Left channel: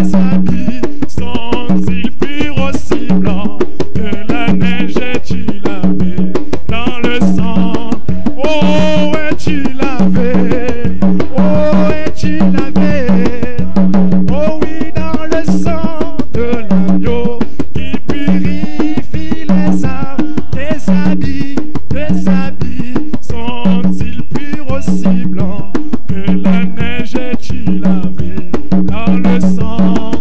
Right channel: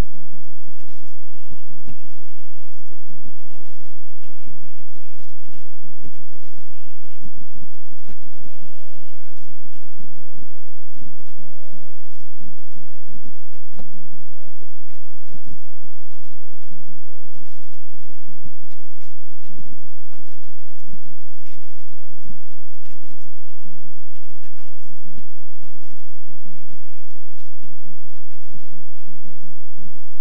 tes habits sont-ils purs aussi blancs que la neige? Es-tu lavé dans le sang? Oh, es-tu lavé? Oh, es-tu lavé? Oh oui, dans le sang de l'agneau qui purifie les âmes. Tes habits sont-ils purs aussi blancs que la neige? Es-tu lavé dans le sang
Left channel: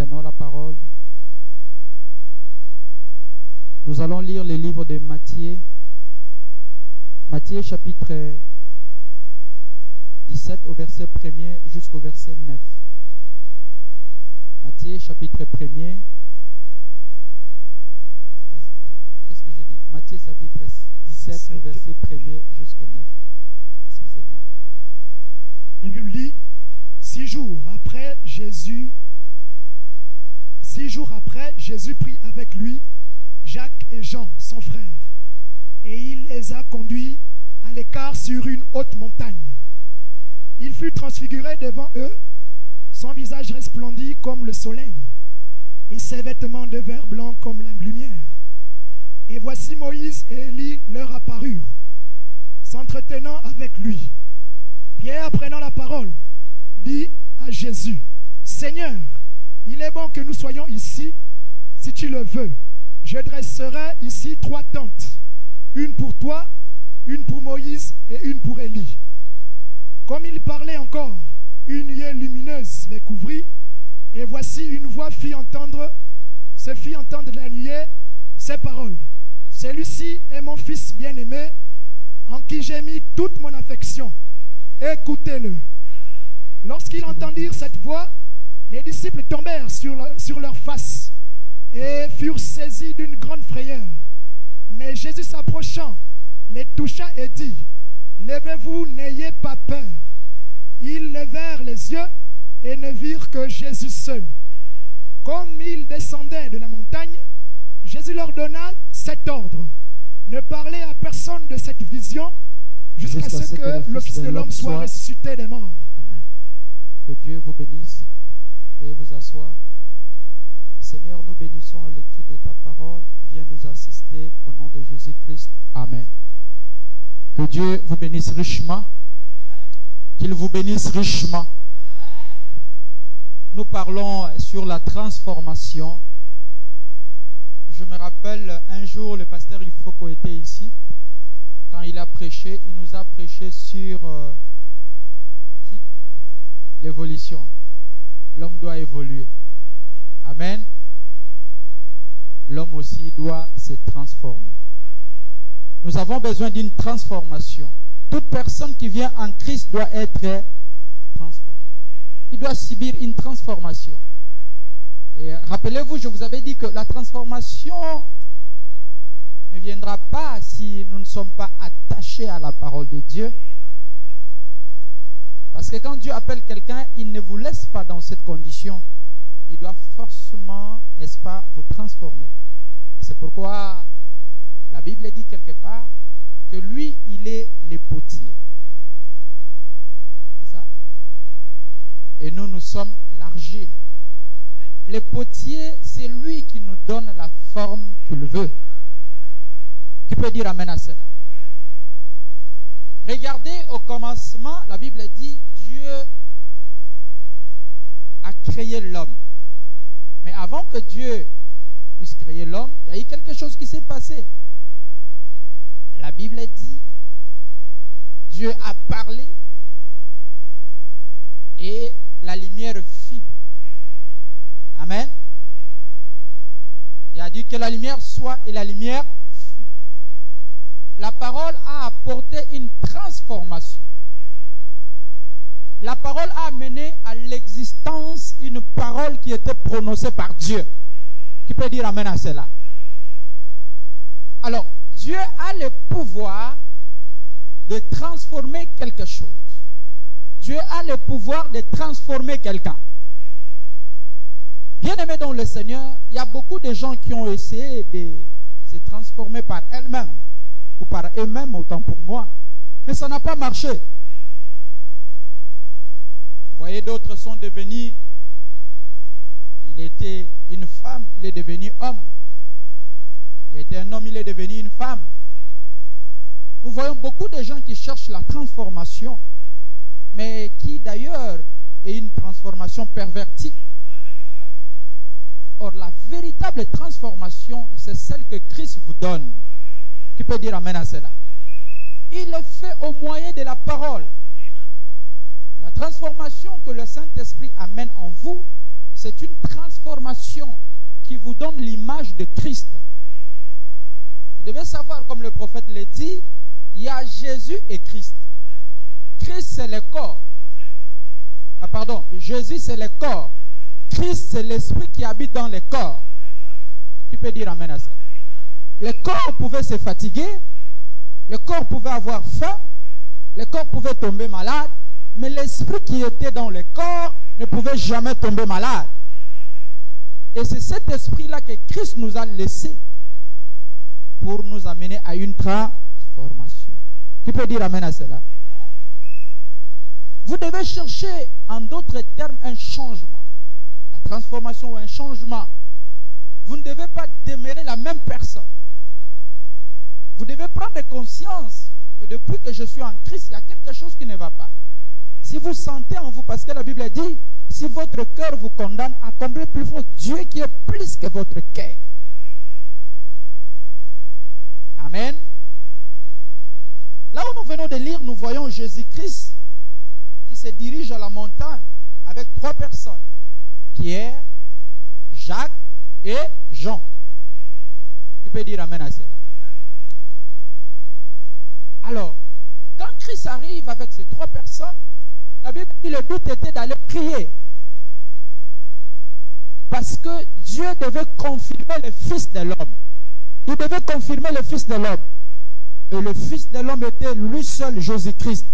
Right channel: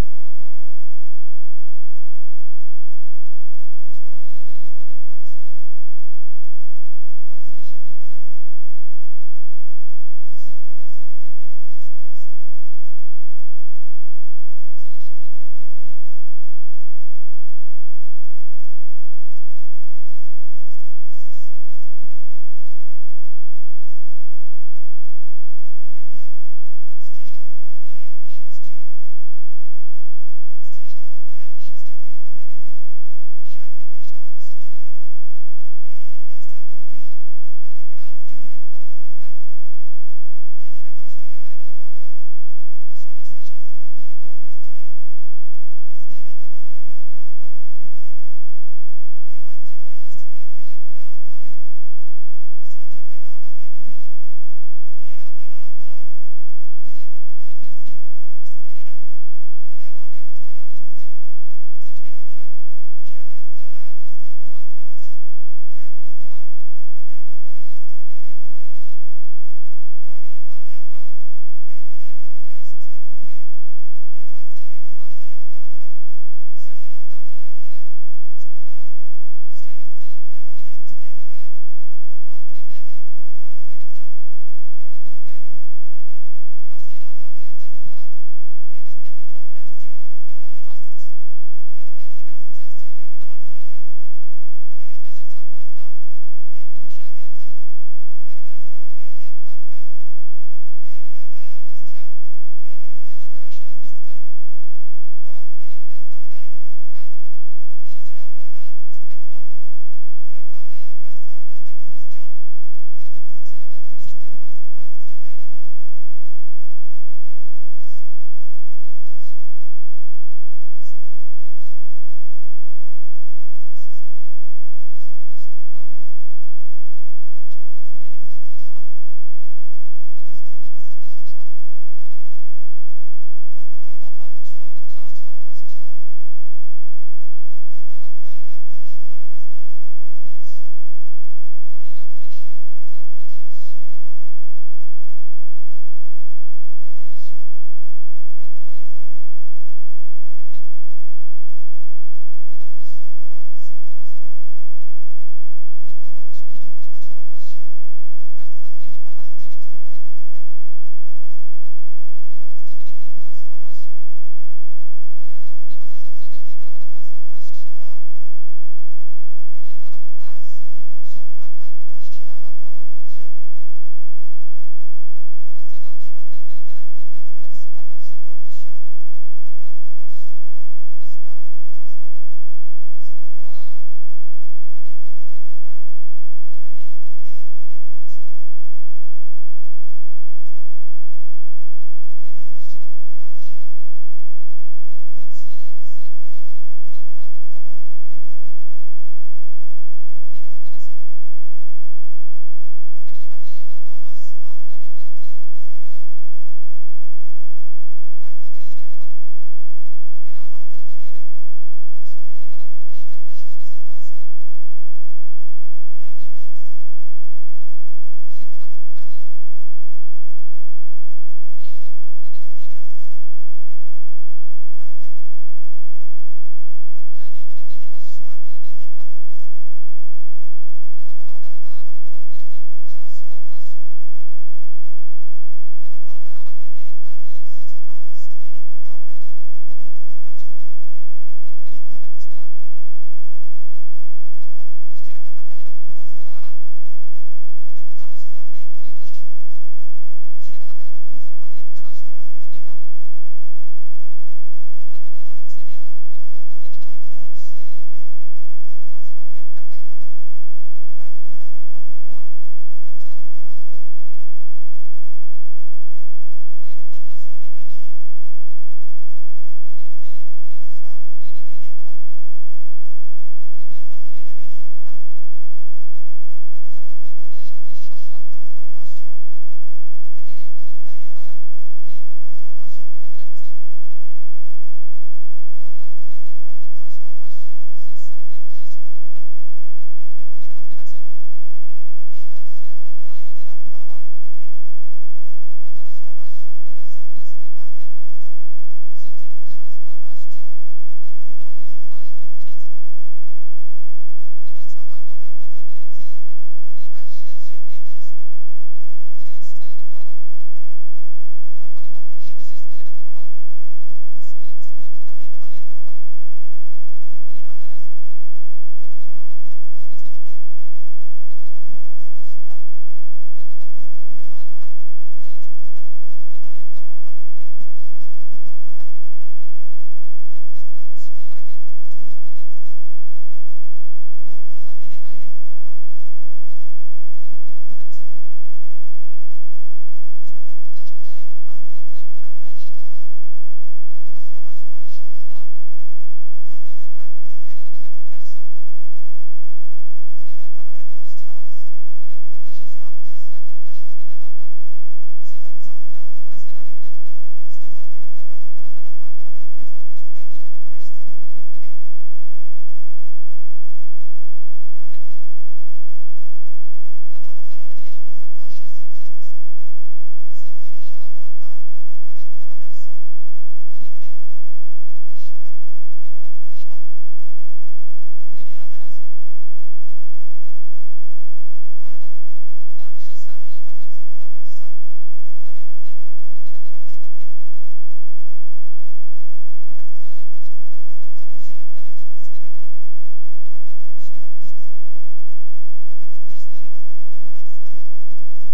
Prenons la parole. Nous allons lire le livre de Matthieu. Matthieu chapitre 17 au verset 1er jusqu'au verset 9. Matthieu chapitre 1er. Qu'est-ce que j'ai dit? Matthieu chapitre 17 au verset 1er jusqu'au 9. Excusez-moi. La Bible dit, 6 jours après, Jésus prit avec lui Jacques et Jean, son frère, et il les a conduits à l'écart sur une haute montagne. Il fut transfiguré devant eux, son visage resplendit comme le soleil, et ses vêtements devinrent blancs comme la lumière. Et voici Moïse et Élie leur apparurent, s'entretenant avec lui. Pierre, prenant la parole, dit à Jésus, « Seigneur, il est bon que nous soyons ici. Si tu le veux, je dresserai ici 3 tentes, une pour toi, une pour Moïse et une pour Élie. » Comme il parlait encore, une nuée lumineuse les couvrit, et voici une voix se fit entendre de la nuée ces paroles. « Celui-ci est mon fils bien-aimé, en qui j'ai mis toute mon affection. Écoutez-le. » Lorsqu'ils entendirent cette voix, les disciples tombèrent sur leur face et furent saisis d'une grande frayeur. Mais Jésus s'approchant, les toucha et dit, « Levez-vous, n'ayez pas peur. » Ils levèrent les yeux et ne virent que Jésus seul. Comme ils descendaient de la montagne, Jésus leur donna cet ordre, « Ne parlez à personne de cette vision jusqu'à ce que le Fils de l'homme soit ressuscité des morts. » Amen. Que Dieu vous bénisse. Veuillez vous asseoir. Seigneur, nous bénissons la lecture de ta parole. Viens nous assister au nom de Jésus-Christ. Amen. Que Dieu vous bénisse richement. Qu'il vous bénisse richement. Nous parlons sur la transformation. Je me rappelle un jour, le pasteur Ifoko était ici. Quand il a prêché, il nous a prêché sur l'évolution. L'homme doit évoluer. Amen. L'homme aussi doit se transformer. Nous avons besoin d'une transformation. Toute personne qui vient en Christ doit être transformée. Il doit subir une transformation. Et rappelez-vous, je vous avais dit que la transformation ne viendra pas si nous ne sommes pas attachés à la parole de Dieu. Parce que quand Dieu appelle quelqu'un, il ne vous laisse pas dans cette condition. Il doit forcément, n'est-ce pas, vous transformer. C'est pourquoi la Bible dit quelque part que lui, il est le potier. C'est ça? Et nous, nous sommes l'argile. Le potier, c'est lui qui nous donne la forme qu'il veut. Qui peut dire amen à cela? Regardez au commencement, la Bible dit Dieu a créé l'homme. Mais avant que Dieu puisse créer l'homme, il y a eu quelque chose qui s'est passé. La Bible dit Dieu a parlé et la lumière fit. Amen. Il a dit que la lumière soit et la lumière fut. La parole a apporté une transformation. La parole a amené à l'existence une parole qui était prononcée par Dieu. Qui peut dire amen à cela? Alors, Dieu a le pouvoir de transformer quelque chose. Dieu a le pouvoir de transformer quelqu'un. Bien-aimés dans le Seigneur, il y a beaucoup de gens qui ont essayé de se transformer par elles-mêmes ou par eux-mêmes, autant pour moi. Mais ça n'a pas marché. Vous voyez, d'autres sont devenus, il était une femme, il est devenu homme. Il était un homme, il est devenu une femme. Nous voyons beaucoup de gens qui cherchent la transformation, mais qui d'ailleurs est une transformation pervertie. Or, la véritable transformation, c'est celle que Christ vous donne. Qui peut dire amen à cela? Il est fait au moyen de la parole. La transformation que le Saint-Esprit amène en vous, c'est une transformation qui vous donne l'image de Christ. Vous devez savoir, comme le prophète le dit, il y a Jésus et Christ. Christ, c'est le corps. Ah, pardon, Jésus, c'est le corps. Christ, c'est l'esprit qui habite dans le corps. Tu peux dire amen à ça. Le corps pouvait se fatiguer, le corps pouvait avoir faim, le corps pouvait tomber malade, mais l'esprit qui était dans le corps ne pouvait jamais tomber malade. Et c'est cet esprit-là que Christ nous a laissé pour nous amener à une transformation. Tu peux dire amen à cela. Vous devez chercher, en d'autres termes, un changement. La transformation ou un changement. Vous ne devez pas demeurer la même personne. Vous devez prendre conscience que depuis que je suis en Christ, il y a quelque chose qui ne va pas. Si vous sentez en vous, parce que la Bible dit, si votre cœur vous condamne, accomplissez plus fort Dieu qui est plus que votre cœur. Amen. Là où nous venons de lire, nous voyons Jésus-Christ qui se dirige à la montagne avec 3 personnes. Pierre, Jacques et Jean. Tu peux dire amen à cela. Alors, quand Christ arrive avec ces 3 personnes, la Bible dit le but était d'aller prier. Parce que Dieu devait confirmer le Fils de l'homme. Il devait confirmer le Fils de l'homme. Et le Fils de l'homme était lui seul, Jésus-Christ.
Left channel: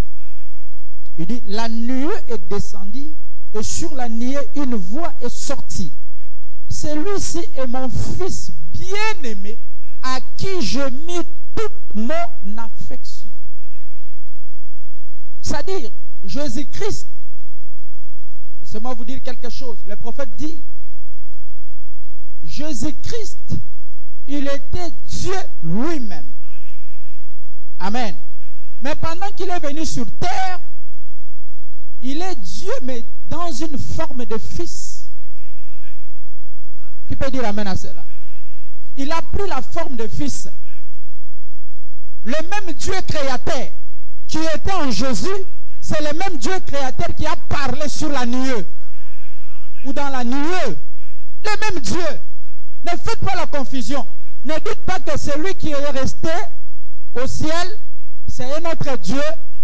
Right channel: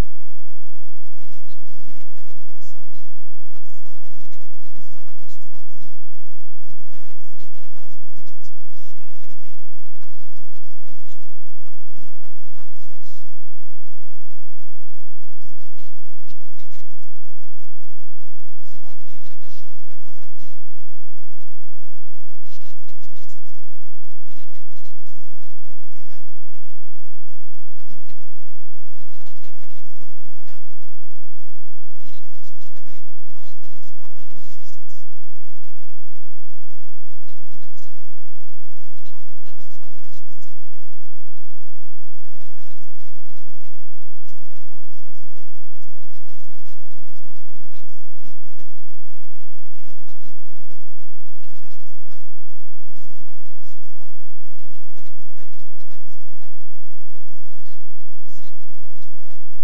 Il dit, la nuée est descendue et sur la nuée, une voix est sortie. Celui-ci est mon Fils bien-aimé à qui je mis toute mon affection. C'est-à-dire, Jésus-Christ, laissez-moi vous dire quelque chose. Le prophète dit, Jésus-Christ, il était Dieu lui-même. Amen. Mais pendant qu'il est venu sur terre, il est Dieu, mais dans une forme de fils. Tu peux dire amen à cela. Il a pris la forme de fils. Le même Dieu créateur qui était en Jésus, c'est le même Dieu créateur qui a parlé sur la nuée. Ou dans la nuée. Le même Dieu. Ne faites pas la confusion. Ne dites pas que celui qui est resté au ciel, c'est un autre Dieu.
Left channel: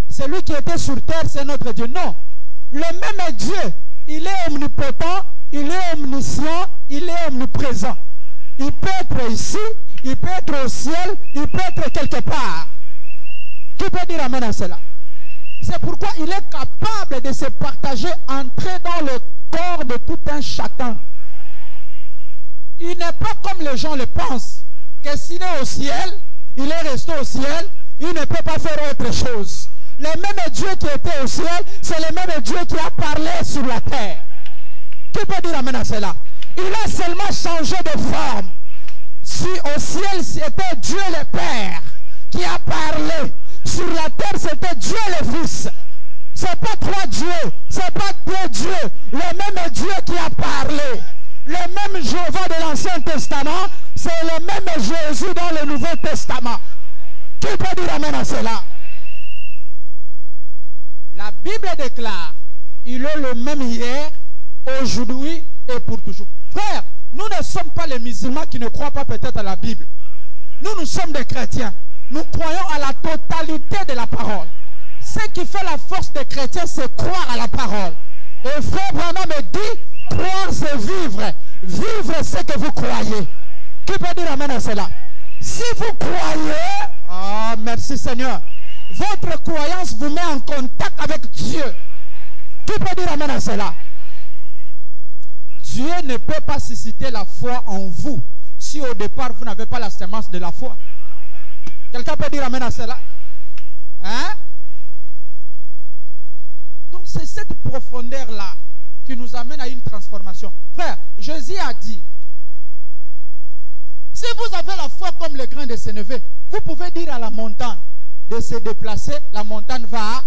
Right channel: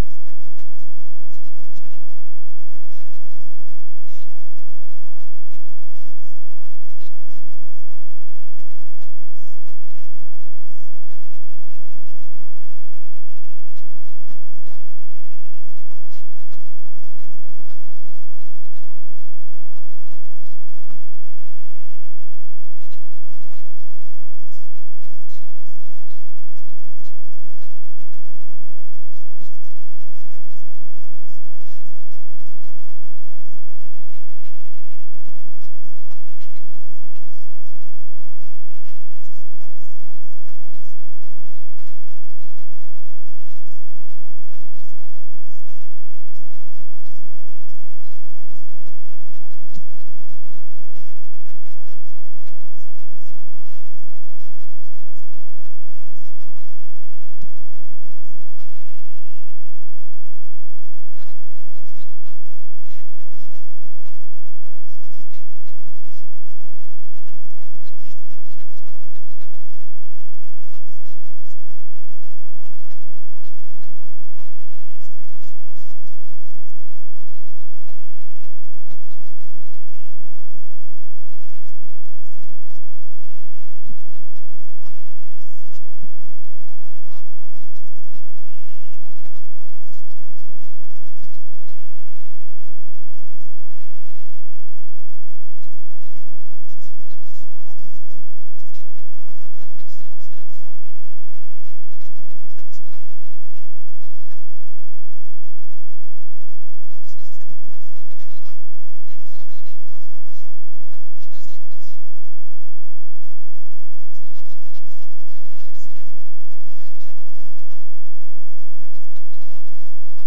Celui qui était sur terre, c'est notre Dieu. Non. Le même Dieu, il est omnipotent, il est omniscient, il est omniprésent. Il peut être ici, il peut être au ciel, il peut être quelque part. Qui peut dire amen à cela? C'est pourquoi il est capable de se partager, entrer dans le corps de tout un chacun. Il n'est pas comme les gens le pensent, que s'il est au ciel, il est resté au ciel, il ne peut pas faire autre chose. Le même Dieu qui était au ciel, c'est le même Dieu qui a parlé sur la terre. Qui peut dire amen à cela? Il a seulement changé de forme. Si au ciel c'était Dieu le Père qui a parlé, sur la terre c'était Dieu le Fils. C'est pas 3 dieux, c'est pas 2 dieux. Le même Dieu qui a parlé. Le même Jéhovah de l'Ancien Testament, c'est le même Jésus dans le Nouveau Testament. Qui peut dire amen à cela? La Bible déclare, il est le même hier, aujourd'hui et pour toujours. Frère, nous ne sommes pas les musulmans qui ne croient pas peut-être à la Bible. Nous sommes des chrétiens. Nous croyons à la totalité de la parole. Ce qui fait la force des chrétiens, c'est croire à la parole. Et frère Branham me dit, croire c'est vivre. Vivre c'est que vous croyez. Qui peut dire amen à cela? Si vous croyez, oh merci Seigneur, votre croyance vous met en contact avec Dieu. Qui peut dire amen à cela? Dieu ne peut pas susciter la foi en vous si au départ vous n'avez pas la sémence de la foi. Quelqu'un peut dire amen à cela? Hein? Donc c'est cette profondeur-là qui nous amène à une transformation. Frère, Jésus a dit, si vous avez la foi comme le grain de sénévé, vous pouvez dire à la montagne de se déplacer, la montagne va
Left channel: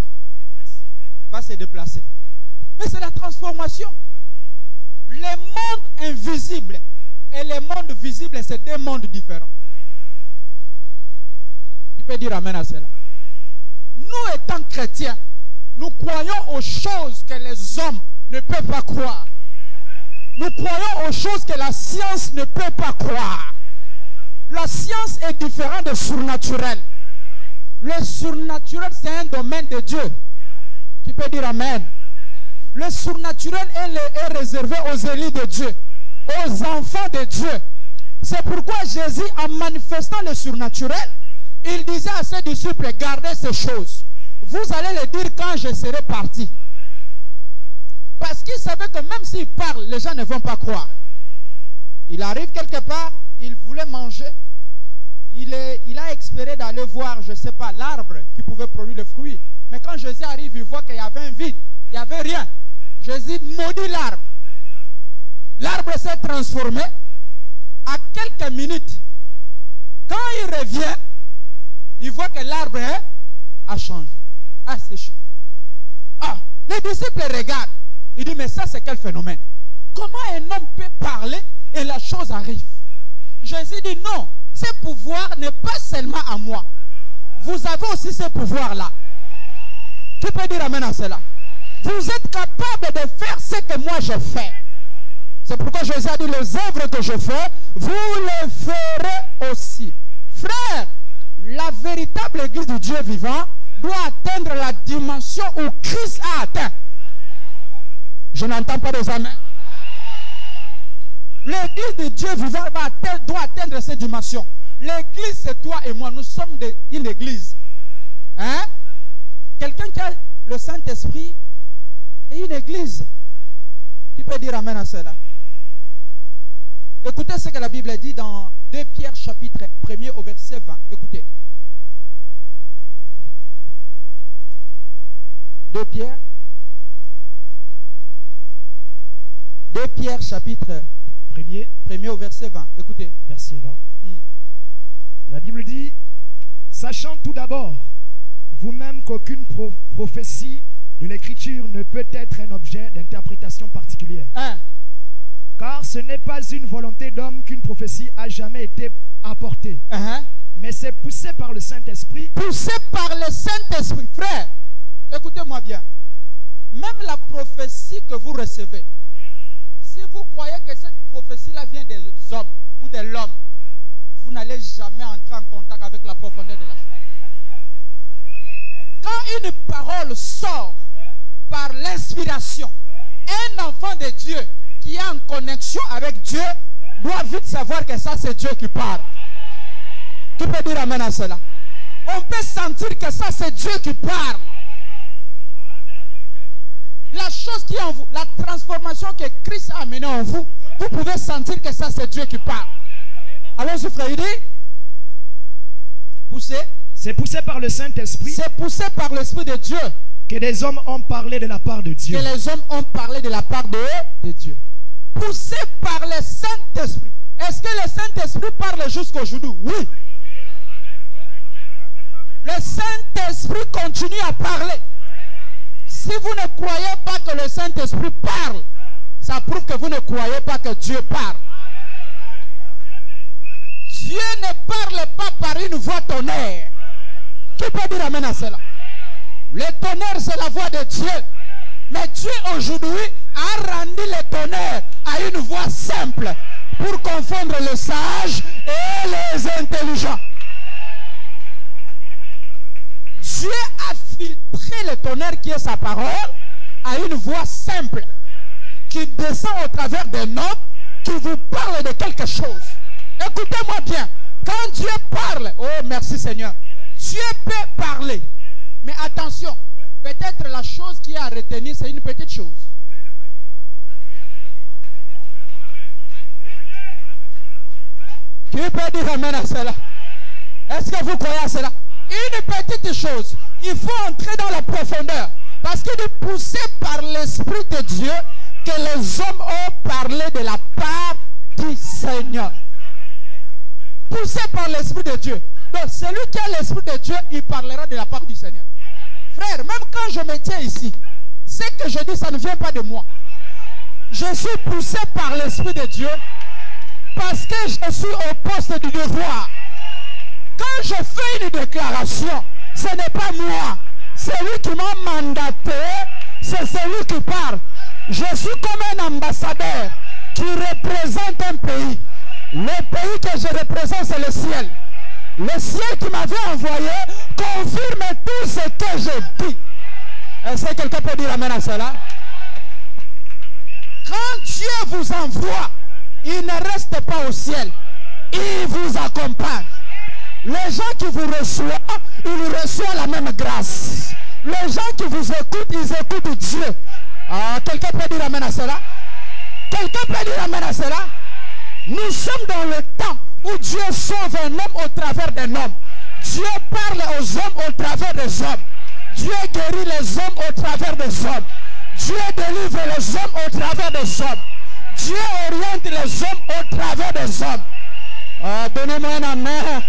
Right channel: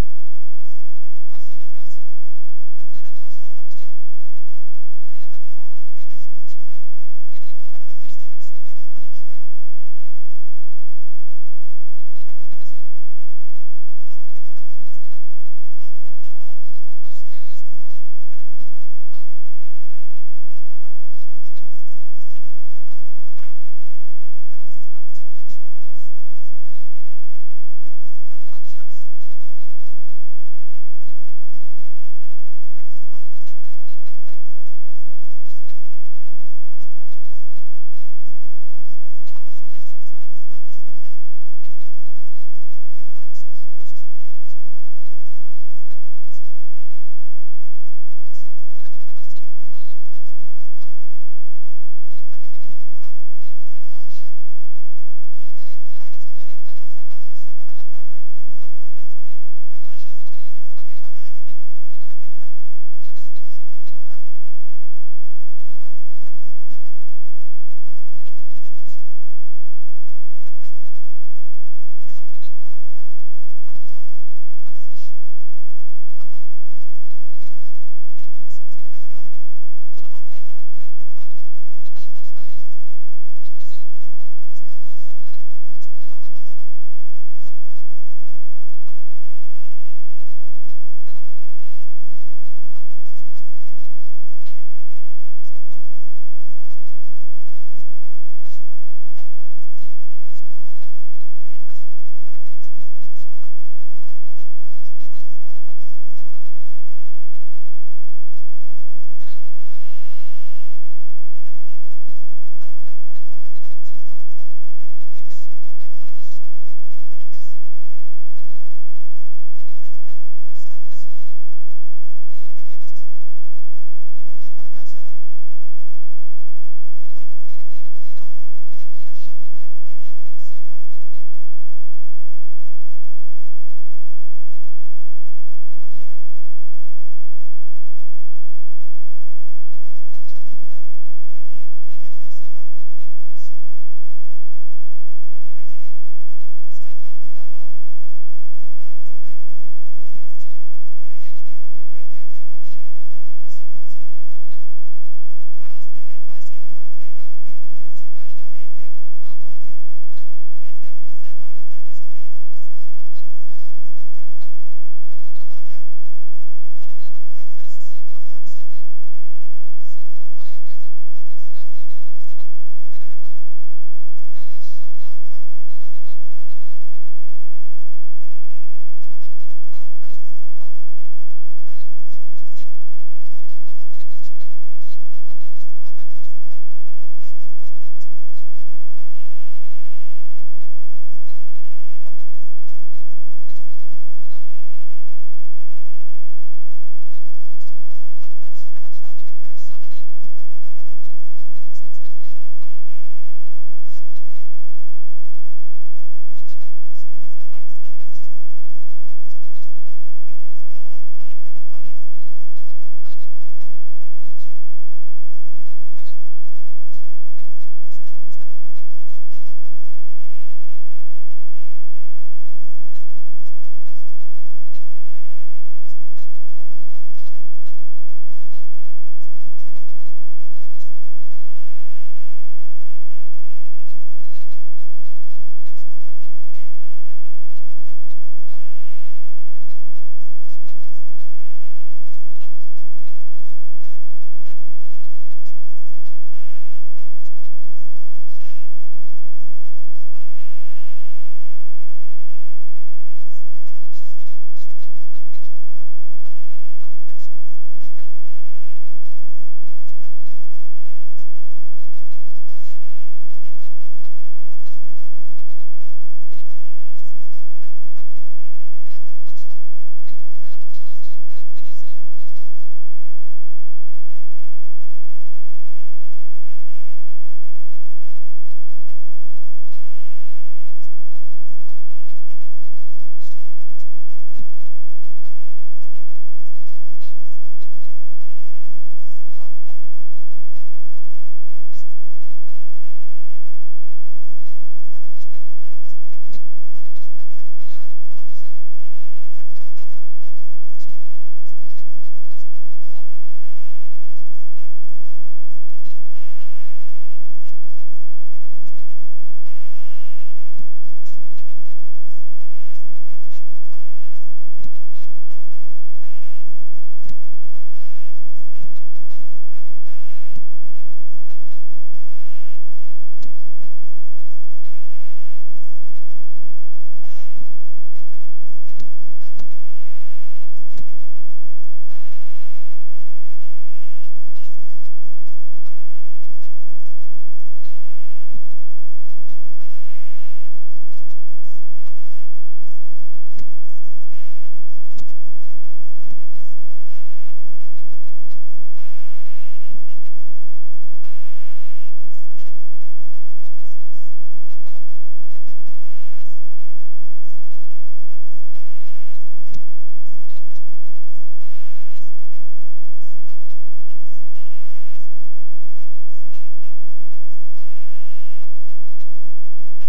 se déplacer. Mais c'est la transformation. Le monde invisible et le monde visible, c'est 2 mondes différents. Tu peux dire amen à cela. Nous étant chrétiens, nous croyons aux choses que les hommes ne peuvent pas croire. Nous Nous croyons aux choses que la science ne peut pas croire. La science est différente du surnaturel. Le surnaturel, c'est un domaine de Dieu. Qui peut dire Amen? Le surnaturel est réservé aux élus de Dieu, aux enfants de Dieu. C'est pourquoi Jésus, en manifestant le surnaturel, il disait à ses disciples, gardez ces choses. Vous allez les dire quand je serai parti. Parce qu'il savait que même s'il parle, les gens ne vont pas croire. Il arrive quelque part, il voulait manger. Il a espéré d'aller voir, je ne sais pas, l'arbre qui pouvait produire le fruit. Mais quand Jésus arrive, il voit qu'il y avait un vide. Il n'y avait rien. Jésus maudit l'arbre. L'arbre s'est transformé. À quelques minutes, quand il revient, il voit que l'arbre a changé, a séché. Ah, les disciples regardent. Il dit, mais ça c'est quel phénomène? Comment un homme peut parler et la chose arrive? Jésus dit, non, ce pouvoir n'est pas seulement à moi. Vous avez aussi ce pouvoir-là. Qui peut dire amen à cela? Vous êtes capable de faire ce que moi je fais. C'est pourquoi Jésus a dit, les œuvres que je fais, vous les ferez aussi. Frère, la véritable église du Dieu vivant doit atteindre la dimension où Christ a atteint. Je n'entends pas des amens. L'église du Dieu vivant doit atteindre cette dimension. L'église, c'est toi et moi. Nous sommes une église. Hein? Quelqu'un qui a le Saint-Esprit et une église. Qui peut dire amen à cela? Écoutez ce que la Bible dit dans 2 Pierre chapitre 1er au verset 20. Écoutez. 2 Pierre chapitre 1er au verset 20. Écoutez. Verset 20. La Bible dit, sachant tout d'abord, vous-même qu'aucune prophétie de l'Écriture ne peut être un objet d'interprétation particulière. Car ce n'est pas une volonté d'homme qu'une prophétie a jamais été apportée. Mais c'est poussé par le Saint-Esprit. Poussé par le Saint-Esprit. Frère, écoutez-moi bien. Même la prophétie que vous recevez, si vous croyez que cette prophétie-là vient des hommes ou de l'homme, vous n'allez jamais entrer en contact avec la profondeur de la chose. Quand une parole sort par l'inspiration, un enfant de Dieu qui est en connexion avec Dieu doit vite savoir que ça c'est Dieu qui parle. Tu peux dire amen à cela? On peut sentir que ça c'est Dieu qui parle. La chose qui est en vous, la transformation que Christ a amenée en vous, vous pouvez sentir que ça c'est Dieu qui parle. Allons-y frère, il dit poussé. C'est poussé par le Saint-Esprit. C'est poussé par l'Esprit de Dieu. Que des hommes ont parlé de la part de Dieu. Que les hommes ont parlé de la part de Dieu. Poussé par le Saint-Esprit. Est-ce que le Saint-Esprit parle jusqu'aujourd'hui? Oui. Le Saint-Esprit continue à parler. Si vous ne croyez pas que le Saint-Esprit parle, ça prouve que vous ne croyez pas que Dieu parle. Dieu ne parle pas par une voix tonnerre. Qui peut dire amen à cela? Le tonnerre, c'est la voix de Dieu. Mais Dieu aujourd'hui a rendu le tonnerre à une voix simple pour confondre les sages et les intelligents. Dieu a filtré le tonnerre qui est sa parole à une voix simple qui descend au travers des notes qui vous parle de quelque chose. Écoutez-moi bien. Quand Dieu parle, oh merci Seigneur, Dieu peut parler. Mais attention, peut-être la chose qui est à retenir, c'est une petite chose. Qui peut dire amen à cela? Est-ce que vous croyez à cela? Une petite chose. Il faut entrer dans la profondeur. Parce qu'il est poussé par l'Esprit de Dieu que les hommes ont parlé de la part du Seigneur. Poussé par l'Esprit de Dieu. Donc celui qui a l'Esprit de Dieu, il parlera de la part du Seigneur. Frère, même quand je me tiens ici, ce que je dis, ça ne vient pas de moi. Je suis poussé par l'Esprit de Dieu parce que je suis au poste du devoir. Quand je fais une déclaration, ce n'est pas moi. Celui qui m'a mandaté, c'est celui qui parle. Je suis comme un ambassadeur qui un pays. Le pays que je représente, c'est le ciel. Le ciel qui m'avait envoyé confirme tout ce que je dis. Est-ce que quelqu'un peut dire amen à cela? Quand Dieu vous envoie, il ne reste pas au ciel. Il vous accompagne. Les gens qui vous reçoivent, ils reçoivent la même grâce. Les gens qui vous écoutent, ils écoutent Dieu. Ah, quelqu'un peut dire amen à cela? Quelqu'un peut dire amen à cela? Nous sommes dans le temps où Dieu sauve un homme au travers d'un homme. Dieu parle aux hommes au travers des hommes. Dieu guérit les hommes au travers des hommes. Dieu délivre les hommes au travers des hommes. Dieu oriente les hommes au travers des hommes. Ah, donnez-moi un amen.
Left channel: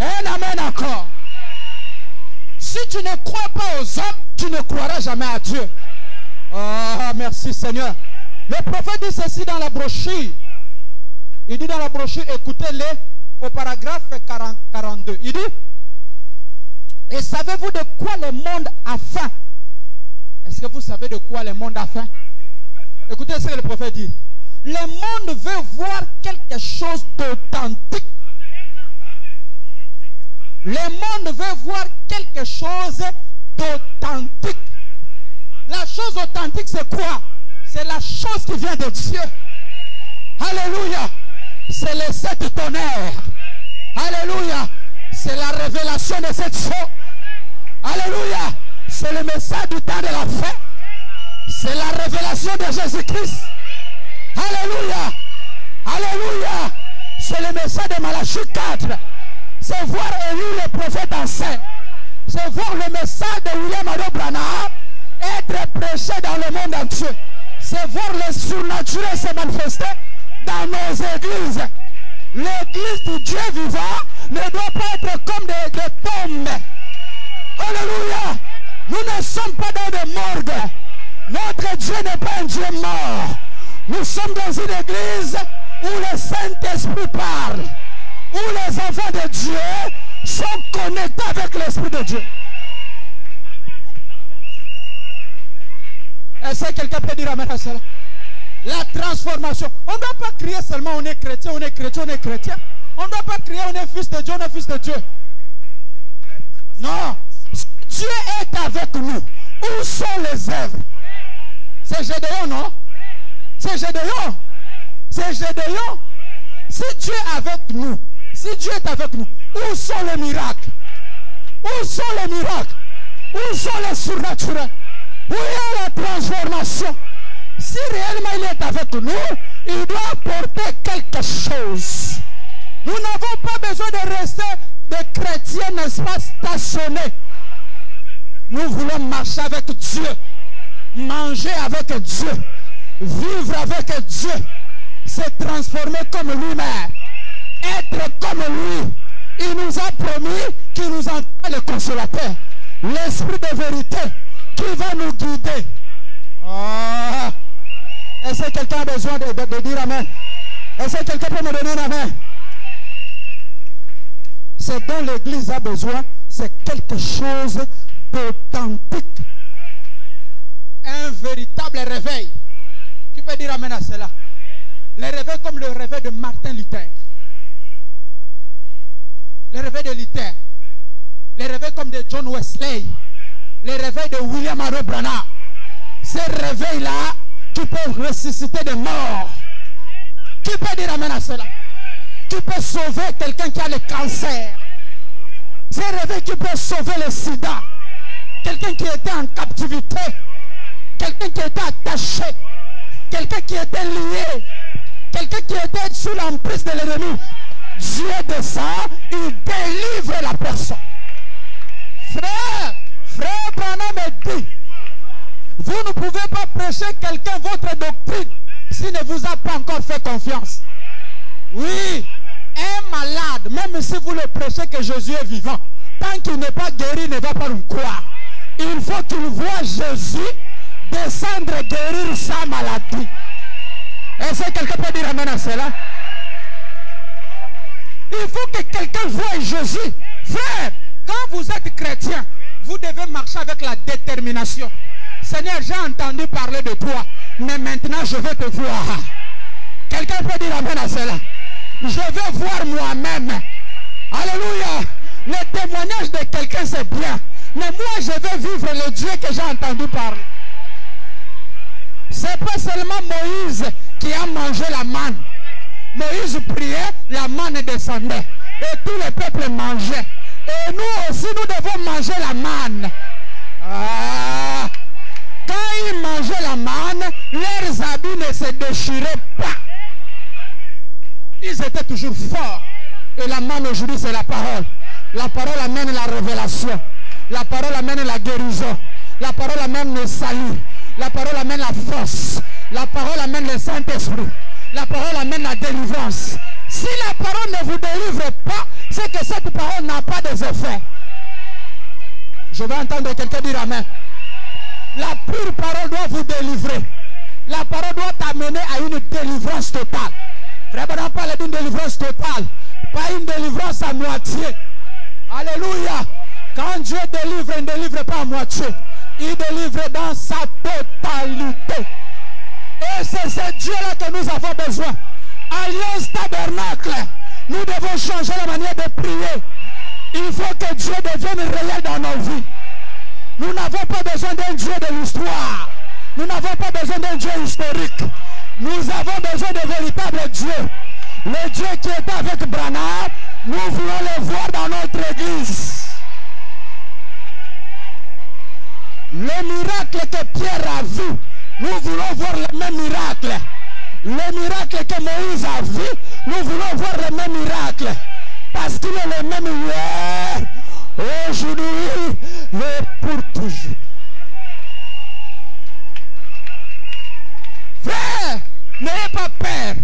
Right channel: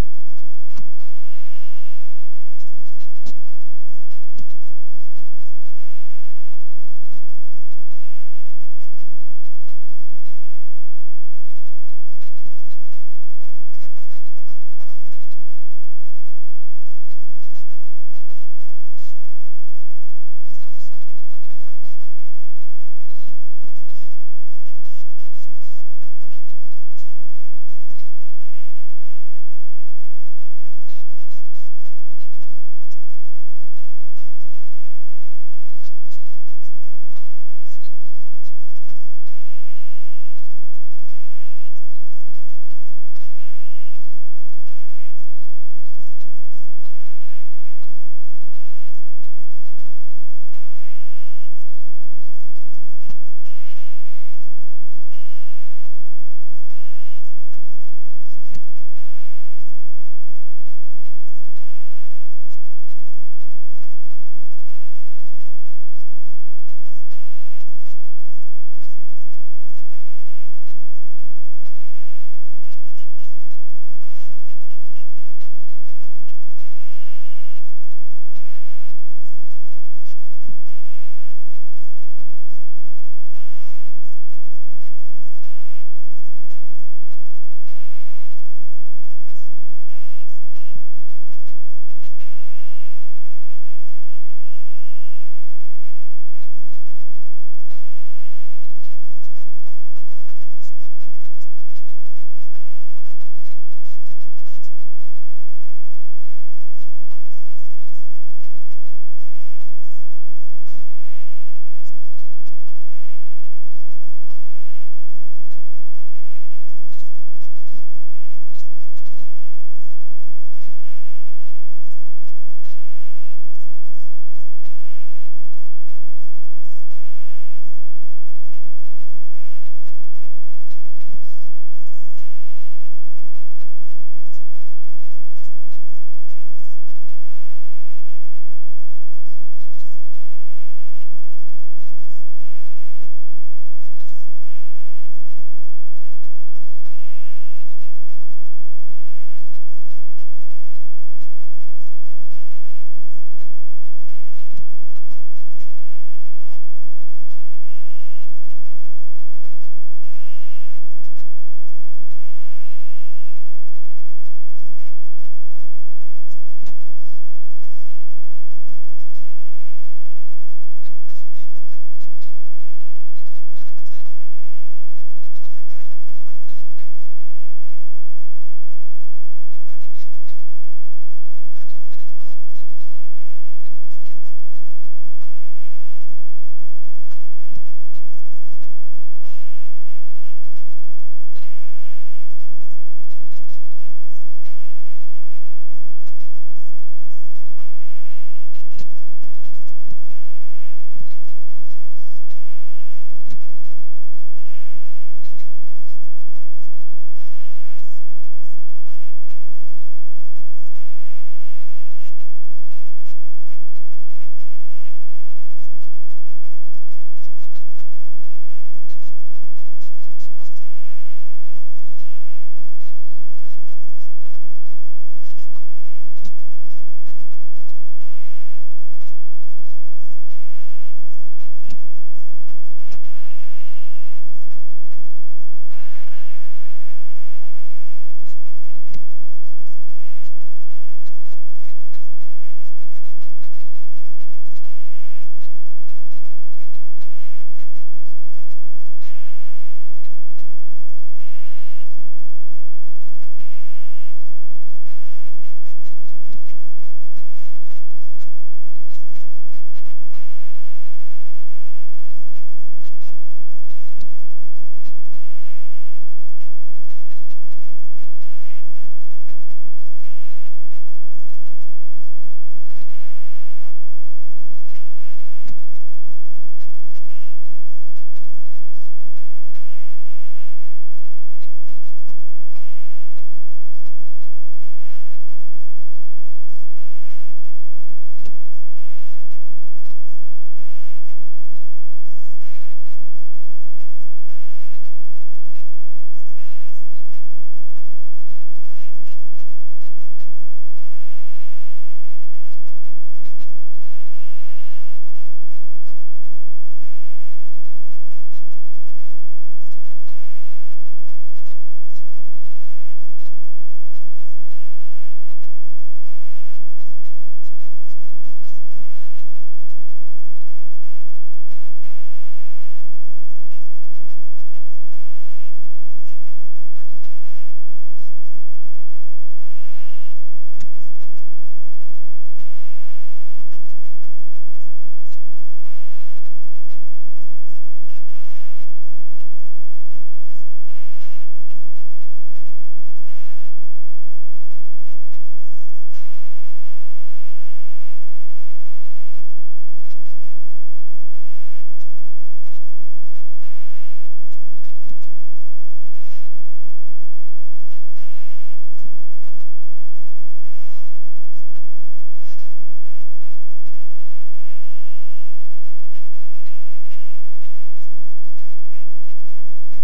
Un amen encore. Si tu ne crois pas aux hommes, tu ne croiras jamais à Dieu. Ah, merci Seigneur. Le prophète dit ceci dans la brochure. Il dit dans la brochure, écoutez-le au paragraphe 42. Il dit, et savez-vous de quoi le monde a faim? Est-ce que vous savez de quoi le monde a faim? Écoutez ce que le prophète dit. Le monde veut voir quelque chose d'authentique. Le monde veut voir quelque chose d'authentique. La chose authentique, c'est quoi? C'est la chose qui vient de Dieu. Alléluia. C'est les 7 tonnerres. Alléluia. C'est la révélation de cette chose. Alléluia. C'est le message du temps de la fin. C'est la révélation de Jésus-Christ. Alléluia. Alléluia. C'est le message de Malachie 4. C'est voir Élie le prophète en scène. C'est voir le message de William Ado Branham être prêché dans le monde entier. C'est voir le surnaturel se manifester dans nos églises. L'église du Dieu vivant ne doit pas être comme des tombes. Alléluia. Nous ne sommes pas dans des morgues. Notre Dieu n'est pas un Dieu mort. Nous sommes dans une église où le Saint-Esprit parle. Où les enfants de Dieu sont connectés avec l'Esprit de Dieu. Est-ce que quelqu'un peut dire amen à cela? La transformation. On ne doit pas crier seulement on est chrétien, on est chrétien, on est chrétien. On ne doit pas crier on est fils de Dieu, on est fils de Dieu. Non. Dieu est avec nous. Où sont les œuvres? C'est Gédéon, non? C'est Gédéon. C'est Gédéon. Si Dieu est avec nous, si Dieu est avec nous, où sont les miracles? Où sont les miracles? Où sont les surnaturels? Où est la transformation? Si réellement il est avec nous, il doit apporter quelque chose. Nous n'avons pas besoin de rester des chrétiens, n'est-ce pas, stationnés. Nous voulons marcher avec Dieu, manger avec Dieu, vivre avec Dieu, se transformer comme lui-même, être comme lui. Il nous a promis qu'il nous envoie le consolateur, l'esprit de vérité qui va nous guider. Ah. Est-ce que quelqu'un a besoin de dire amen? Est-ce que quelqu'un peut me donner un amen? Ce dont l'église a besoin, c'est quelque chose d'authentique. Un véritable réveil. Qui peut dire amen à cela? Le réveil comme le réveil de Martin Luther. Le réveil de Luther. Le réveil comme de John Wesley. Le réveil de William Ado Branham. Ces réveils-là qui peuvent ressusciter des morts. Qui peut dire amen à cela? Qui peut sauver quelqu'un qui a le cancer? Ces réveils qui peuvent sauver le sida. Quelqu'un qui était en captivité. Quelqu'un qui était attaché. Quelqu'un qui était lié. Quelqu'un qui était sous l'emprise de l'ennemi. Dieu descend, il délivre la personne. Frère Branham dit, vous ne pouvez pas prêcher quelqu'un votre doctrine s'il ne vous a pas encore fait confiance. Oui, un malade, même si vous le prêchez que Jésus est vivant, tant qu'il n'est pas guéri, il ne va pas nous croire. Il faut qu'il voie Jésus descendre et guérir sa maladie. Est-ce que quelqu'un peut dire amen à cela? Il faut que quelqu'un voie Jésus. Frère, quand vous êtes chrétien, vous devez marcher avec la détermination. Seigneur, j'ai entendu parler de toi, mais maintenant je veux te voir. Quelqu'un peut dire amen à cela. Je veux voir moi-même. Alléluia. Le témoignage de quelqu'un c'est bien. Mais moi je veux vivre le Dieu que j'ai entendu parler. C'est pas seulement Moïse qui a mangé la manne. Moïse priait, la manne descendait. Et tout le peuple mangeait. Et nous aussi nous devons manger la manne. Quand ils mangeaient la manne, leurs habits ne se déchiraient pas. Ils étaient toujours forts. Et la manne aujourd'hui c'est la parole. La parole amène la révélation. La parole amène la guérison. La parole amène le salut. La parole amène la force. La parole amène le Saint-Esprit. La parole amène la délivrance. Si la parole ne vous délivre pas, c'est que cette parole n'a pas d'effet. Je vais entendre quelqu'un dire amen. La pure parole doit vous délivrer. La parole doit t'amener à une délivrance totale. Frère, on parle d'une délivrance totale. Pas une délivrance à moitié. Alléluia. Quand Dieu délivre, il ne délivre pas à moitié. Il délivre dans sa totalité. Et c'est ce Dieu-là que nous avons besoin. Alliance tabernacle. Nous devons changer la manière de prier. Il faut que Dieu devienne réel dans nos vies. Nous n'avons pas besoin d'un Dieu de l'histoire. Nous n'avons pas besoin d'un Dieu historique. Nous avons besoin de véritables dieux. Le Dieu qui était avec Branham, nous voulons le voir dans notre église. Le miracle que Pierre a vu, nous voulons voir le même miracle. Le miracle que Moïse a vu, nous voulons voir le même miracle. Parce qu'il est le même hier, aujourd'hui et pour toujours. Frère, n'ayez pas peur.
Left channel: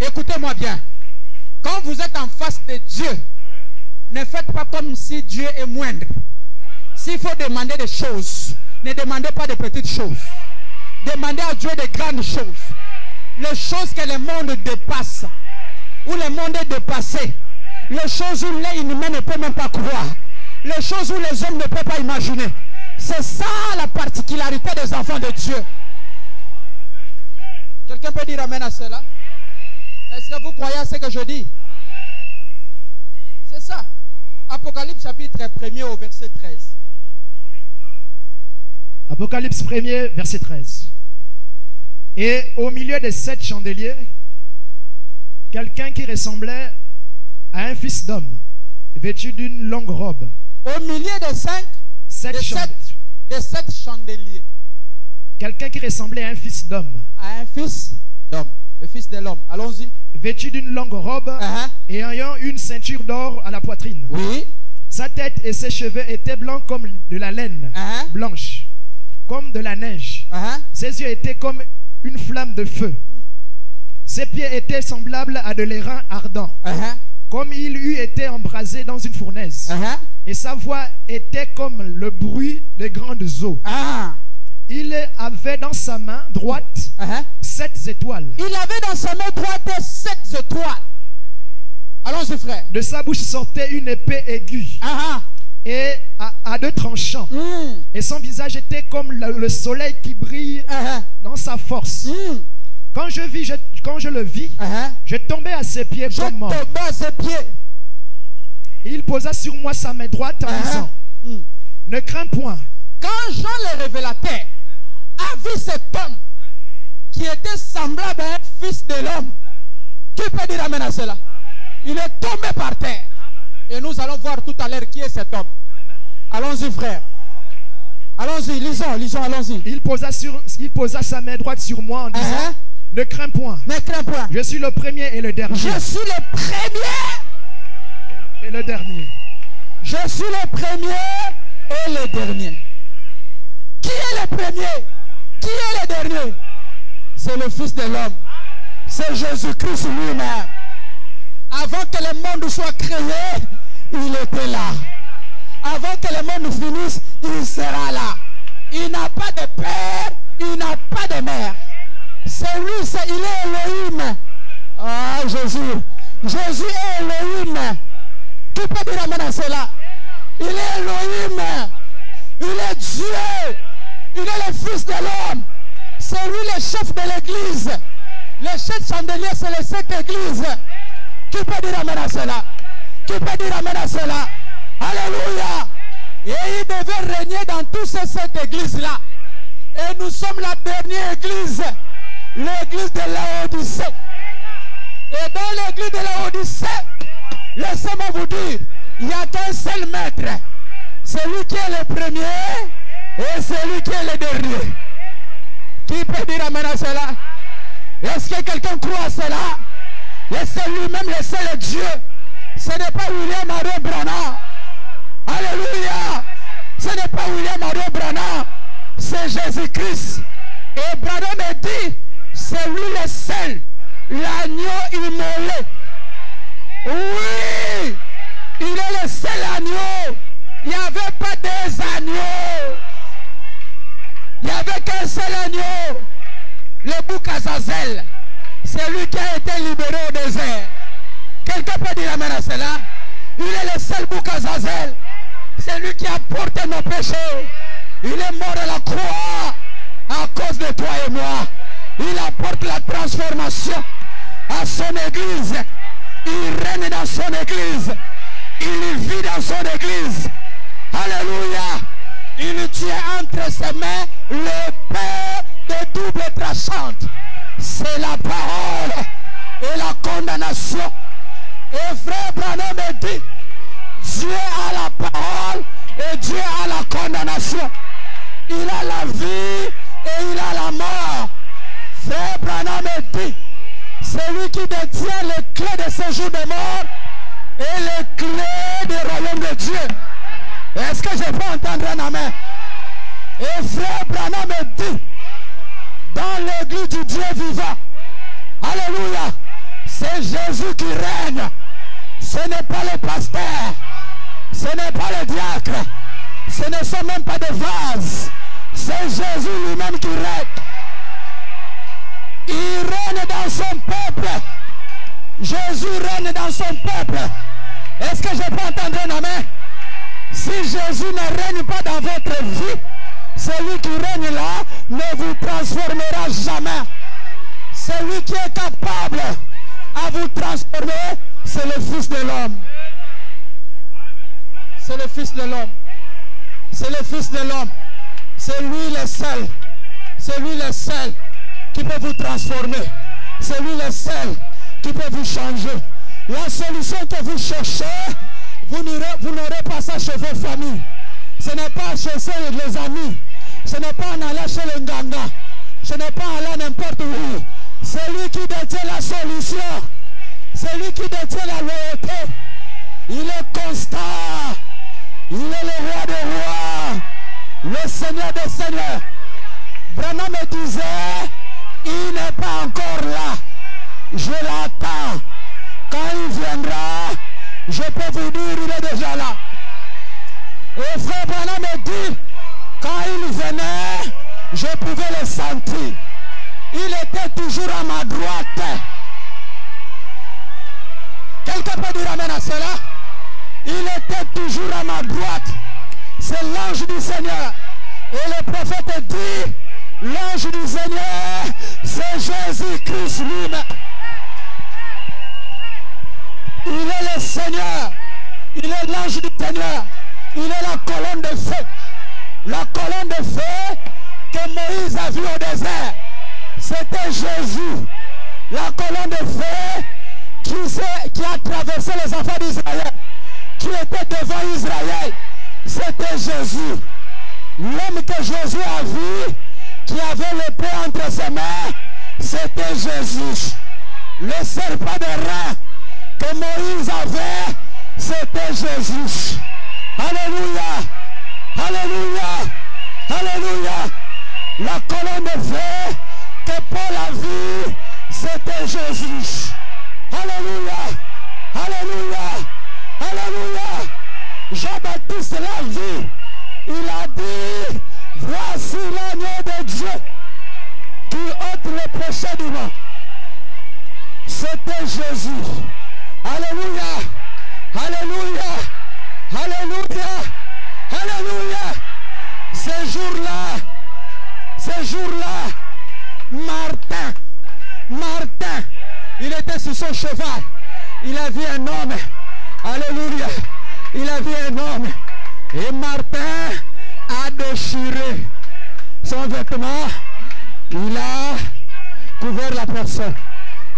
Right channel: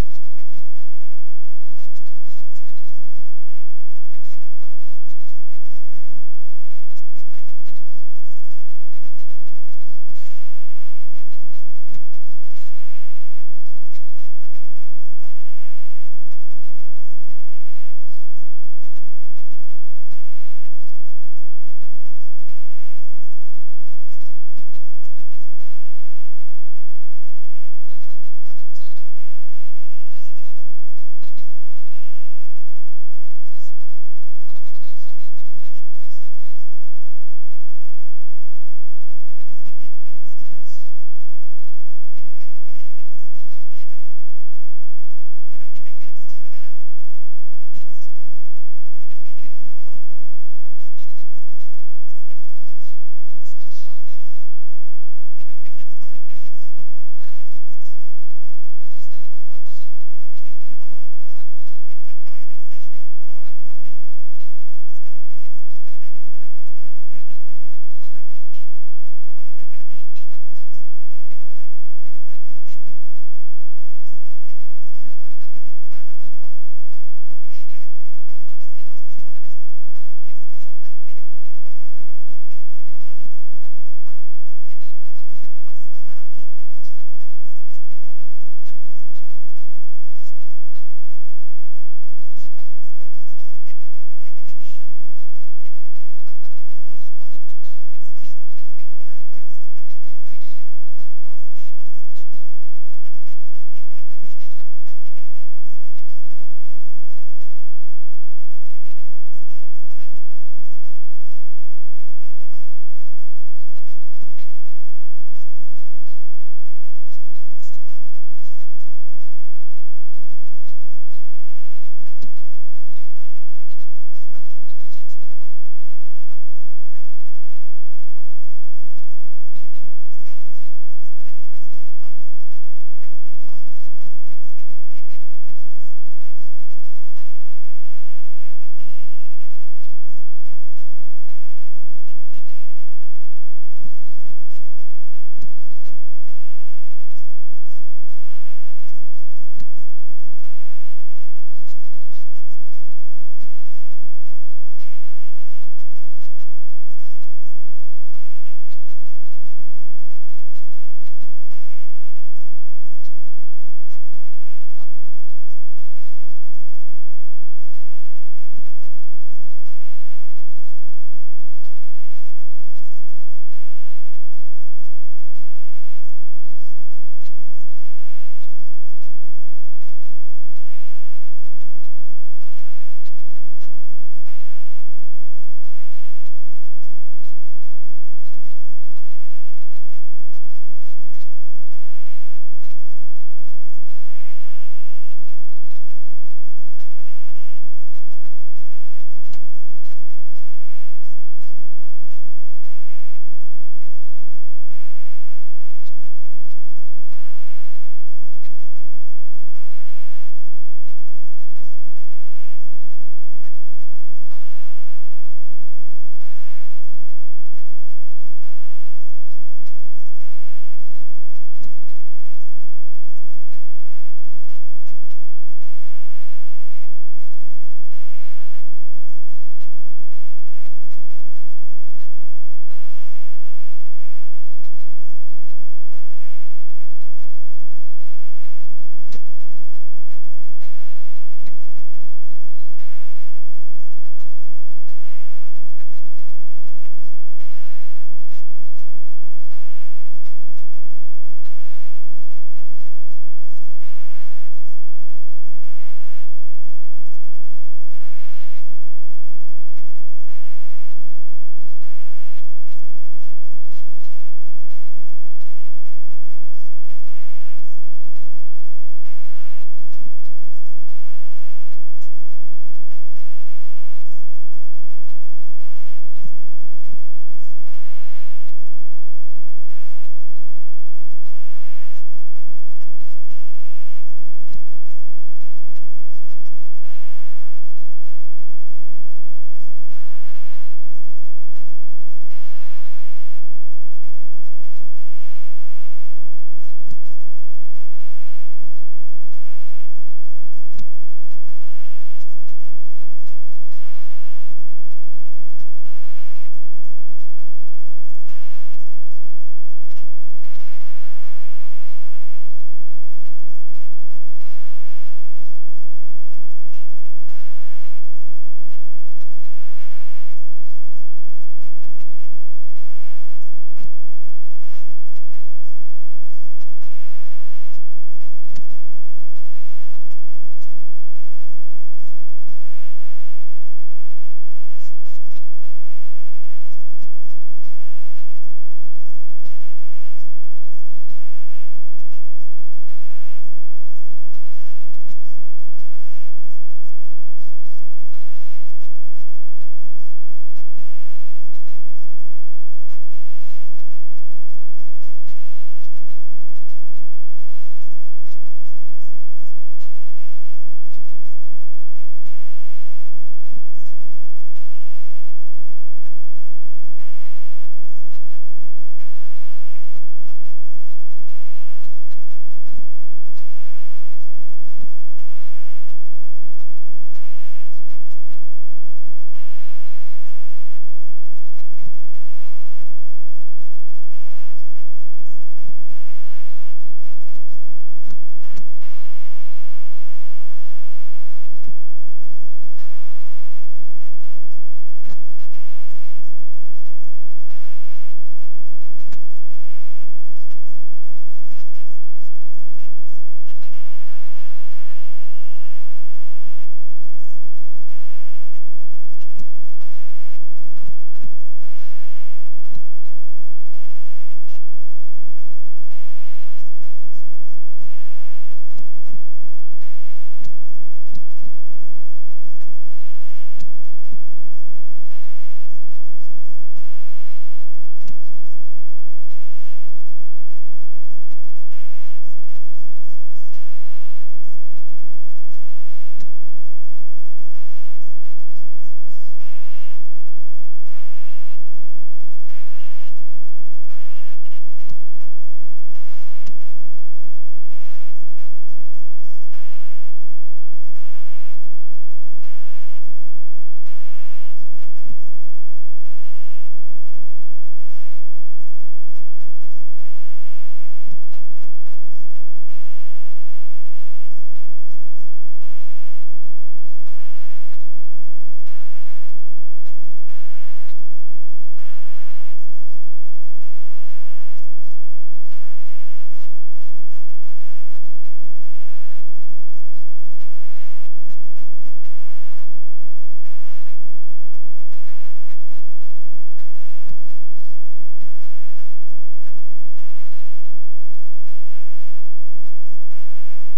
Écoutez-moi bien. Quand vous êtes en face de Dieu, ne faites pas comme si Dieu est moindre. S'il faut demander des choses, ne demandez pas de petites choses. Demandez à Dieu de grandes choses. Les choses que le monde dépasse, où le monde est dépassé. Les choses où l'œil humain ne peut même pas croire. Les choses où les hommes ne peuvent pas imaginer. C'est ça la particularité des enfants de Dieu. Quelqu'un peut dire amen à cela? Est-ce que vous croyez à ce que je dis? C'est ça. Apocalypse chapitre 1er au verset 13. Apocalypse 1er, verset 13. Et au milieu des 7 chandeliers, quelqu'un qui ressemblait à un fils d'homme, vêtu d'une longue robe. Au milieu des 7 chandeliers. Quelqu'un qui ressemblait à un fils d'homme. À un fils d'homme. Le fils de l'homme. Allons-y. Vêtu d'une longue robe et ayant une ceinture d'or à la poitrine. Oui. Sa tête et ses cheveux étaient blancs comme de la laine blanche, comme de la neige. Ses yeux étaient comme une flamme de feu. Ses pieds étaient semblables à de l'airain ardent, comme il eût été embrasé dans une fournaise. Et sa voix était comme le bruit des grandes eaux. Il avait dans sa main droite 7 étoiles. Il avait dans sa main droite 7 étoiles. Allons-y, frère. De sa bouche sortait une épée aiguë et à 2 tranchants. Et son visage était comme le soleil qui brille dans sa force. Quand je le vis, je tombais à ses pieds comme mort. Il posa sur moi sa main droite en disant, ne crains point. Quand Jean le révélateur a vu cet homme qui était semblable à un fils de l'homme, qui peut dire amen à cela? Il est tombé par terre. Et nous allons voir tout à l'heure qui est cet homme. Allons-y, frère. Allons-y, lisons, allons-y. Il posa sa main droite sur moi en disant, ne crains point. Ne crains point. Je suis le premier et le dernier. Je suis le premier et le dernier. Je suis le premier et le dernier. Qui est le premier? Qui est le dernier? C'est le Fils de l'homme. C'est Jésus-Christ lui-même. Avant que le monde soit créé, il était là. Avant que le monde finisse, il sera là. Il n'a pas de père, il n'a pas de mère. C'est lui, il est Elohim. Ah, Jésus. Jésus est Elohim. Qui peut dire amen à cela? Il est Elohim. Il est Dieu. Il est le Fils de l'homme. C'est lui le chef de l'église. Les 7 cette église. Qui peut dire amen à cela? Qui peut dire amen à cela? Alléluia. Et il devait régner dans toute cette église-là. Et nous sommes la dernière église. L'église de Laodicée. Et dans l'église de Laodicée, laissez-moi vous dire, il n'y a qu'un seul maître. Celui qui est le premier et celui qui est le dernier. Qui peut dire amen à cela? Est-ce que quelqu'un croit à cela? Et c'est lui-même le seul Dieu. Ce n'est pas William Marion Branham. Alléluia. Ce n'est pas William Marion Branham. C'est Jésus-Christ. Et Branham me dit, c'est lui le seul. L'agneau immolé. Oui. Il est le seul agneau. Il n'y avait pas des agneaux. Il n'y avait qu'un seul agneau. Le bouc Azazel. C'est lui qui a été libéré au désert. Quelqu'un peut dire amen à cela? Il est le seul bouc Azazel. C'est lui qui a porté nos péchés. Il est mort à la croix à cause de toi et moi. Il apporte la transformation à son église. Il règne dans son église. Il vit dans son église. Alléluia. Il tient entre ses mains l'épée de double tranchante. C'est la parole et la condamnation. Et frère Branham me dit, Dieu a la parole et Dieu a la condamnation. Il a la vie et il a la mort. Frère Branham me dit, celui qui détient les clés de ce jour de mort et les clés du royaume de Dieu. Est-ce que je peux entendre un amen? Et frère Branham me dit, dans l'église du Dieu vivant, alléluia, c'est Jésus qui règne. Ce n'est pas le pasteur, ce n'est pas le diacre, ce ne sont même pas des vases, c'est Jésus lui-même qui règne. Il règne dans son peuple. Jésus règne dans son peuple. Est-ce que je peux entendre un amen? Si Jésus ne règne pas dans votre vie, celui qui règne là ne vous transformera jamais. Celui qui est capable à vous transformer, c'est le Fils de l'homme. C'est le Fils de l'homme. C'est le Fils de l'homme. C'est lui le seul. C'est lui le seul qui peut vous transformer. C'est lui le seul qui peut vous changer. La solution que vous cherchez, vous n'aurez pas ça chez vos familles. Ce n'est pas chez les amis. Ce n'est pas en allant chez le Nganga. Ce n'est pas en allant n'importe où. C'est lui qui détient la solution. C'est lui qui détient la loyauté. Il est constant. Il est le roi des rois. Le Seigneur des seigneurs. Branham me disait, il n'est pas encore là. Je l'attends. Quand il viendra, je peux vous dire, il est déjà là. Et frère Branham me dit, quand il venait, je pouvais le sentir. Il était toujours à ma droite. Quelqu'un peut dire amen à cela? Il était toujours à ma droite. C'est l'ange du Seigneur. Et le prophète dit, l'ange du Seigneur, c'est Jésus-Christ lui-même. Il est le Seigneur. Il est l'ange du Seigneur. Il est la colonne de feu. La colonne de feu que Moïse a vue au désert. C'était Jésus. La colonne de feu qui a traversé les enfants d'Israël. Qui était devant Israël. C'était Jésus. L'homme que Jésus a vu, qui avait l'épée entre ses mains, c'était Jésus. Le serpent de rein que Moïse avait, c'était Jésus. Alléluia. Alléluia. Alléluia. La colonne de feu que Paul a vue, c'était Jésus. Alléluia. Alléluia. Alléluia. Jean-Baptiste l'a vu. Il a dit, voici l'agneau de Dieu qui ôte le péché du monde. C'était Jésus. Alléluia. Alléluia. Alléluia. Alléluia. Ce jour-là, Martin, il était sur son cheval. Il a vu un homme. Alléluia. Il a vu un homme. Et Martin a déchiré son vêtement. Il a couvert la personne.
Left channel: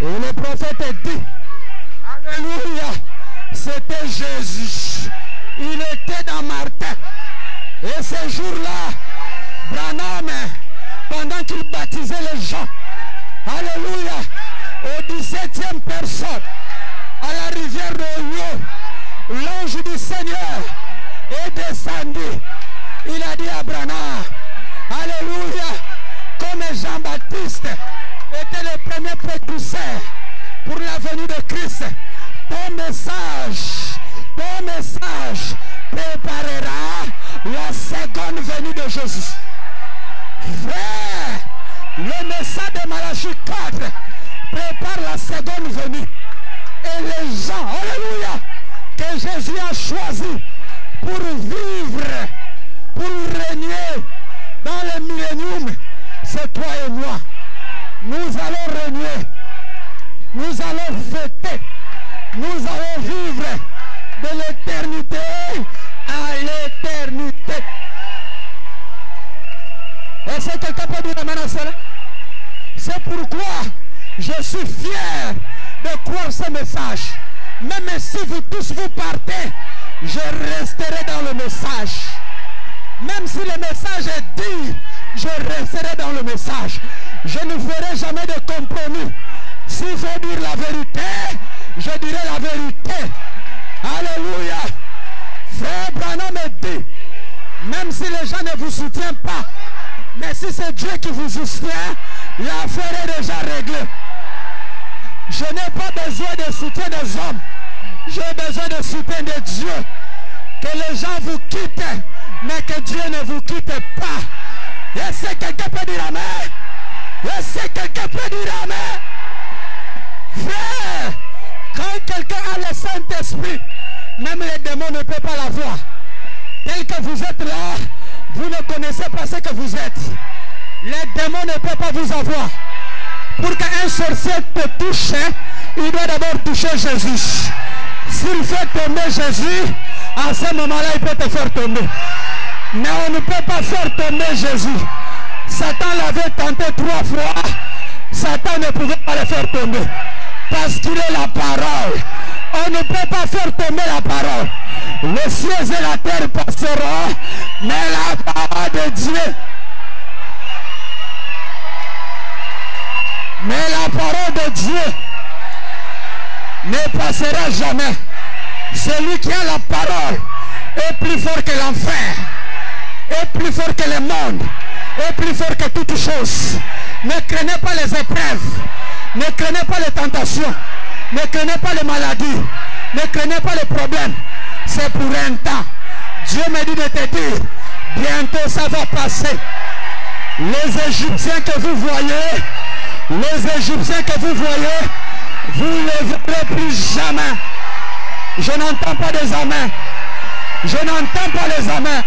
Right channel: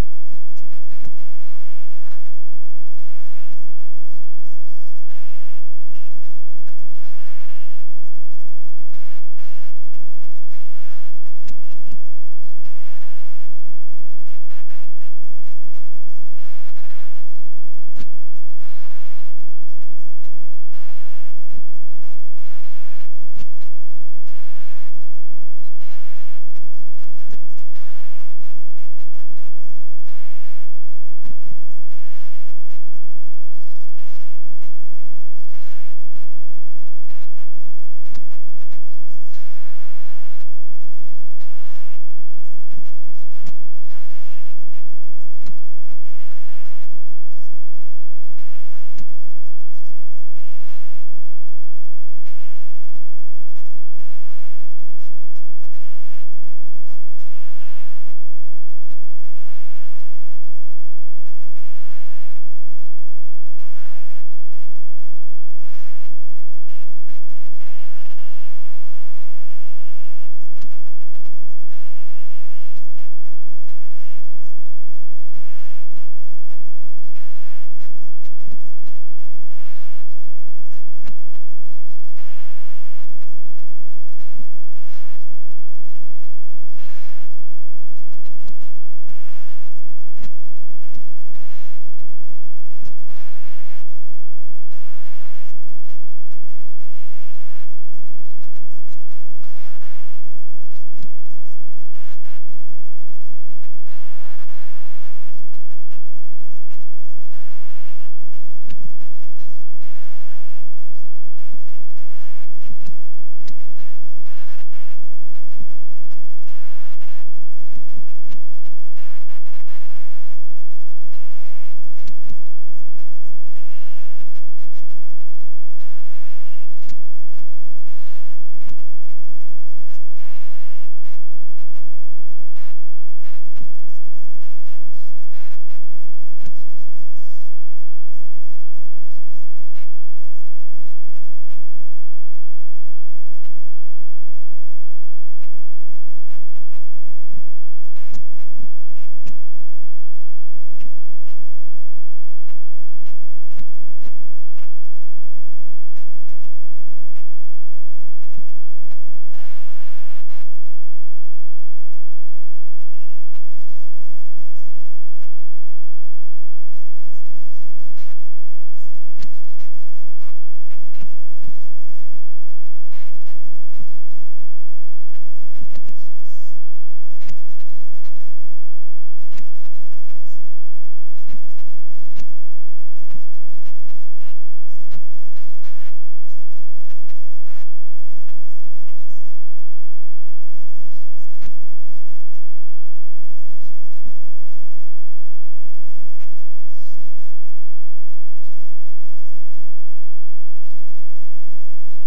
Et le prophète a dit, alléluia, c'était Jésus. Il était dans Martin. Et ce jour-là, Branham, pendant qu'il baptisait les gens, alléluia, au 17e personne, à la rivière Royo, l'ange du Seigneur est descendu. Il a dit à Branham, alléluia, comme Jean-Baptiste était le premier précurseur pour la venue de Christ, ton message préparera la seconde venue de Jésus. Frère, le message de Malachie 4 prépare la seconde venue. Et les gens, alléluia, que Jésus a choisi pour vivre, pour régner dans le millénium, c'est toi et moi. Nous allons régner, nous allons fêter, nous allons vivre de l'éternité à l'éternité. Est-ce que quelqu'un peut dire amen à cela? C'est pourquoi je suis fier de croire ce message. Même si vous tous vous partez, je resterai dans le message. Même si le message est dit, je resterai dans le message. Je ne ferai jamais de compromis. S'il faut dire la vérité, je dirai la vérité. Alléluia. Frère Branham dit, même si les gens ne vous soutiennent pas, mais si c'est Dieu qui vous soutient, l'affaire est déjà réglée. Je n'ai pas besoin de soutien des hommes. J'ai besoin de soutien de Dieu. Que les gens vous quittent, mais que Dieu ne vous quitte pas. Est-ce que quelqu'un peut dire amen? Est-ce que quelqu'un peut dire amen? Frère, quand quelqu'un a le Saint-Esprit, même les démons ne peuvent pas l'avoir. Tel que vous êtes là, vous ne connaissez pas ce que vous êtes. Les démons ne peuvent pas vous avoir. Pour qu'un sorcier te touche, il doit d'abord toucher Jésus. S'il fait tomber Jésus, à ce moment-là, il peut te faire tomber. Mais on ne peut pas faire tomber Jésus. Satan l'avait tenté 3 fois. Satan ne pouvait pas le faire tomber. Parce qu'il est la parole. On ne peut pas faire tomber la parole. Les cieux et la terre passeront, mais la parole de Dieu. Mais la parole de Dieu ne passera jamais. Celui qui a la parole est plus fort que l'enfer, est plus fort que le monde, est plus fort que toutes choses. Ne craignez pas les épreuves, ne craignez pas les tentations, ne craignez pas les maladies, ne craignez pas les problèmes. C'est pour un temps. Dieu me dit de te dire, bientôt ça va passer. Les Égyptiens que vous voyez, vous ne les verrez plus jamais. Je n'entends pas des amens. Je n'entends pas les amens.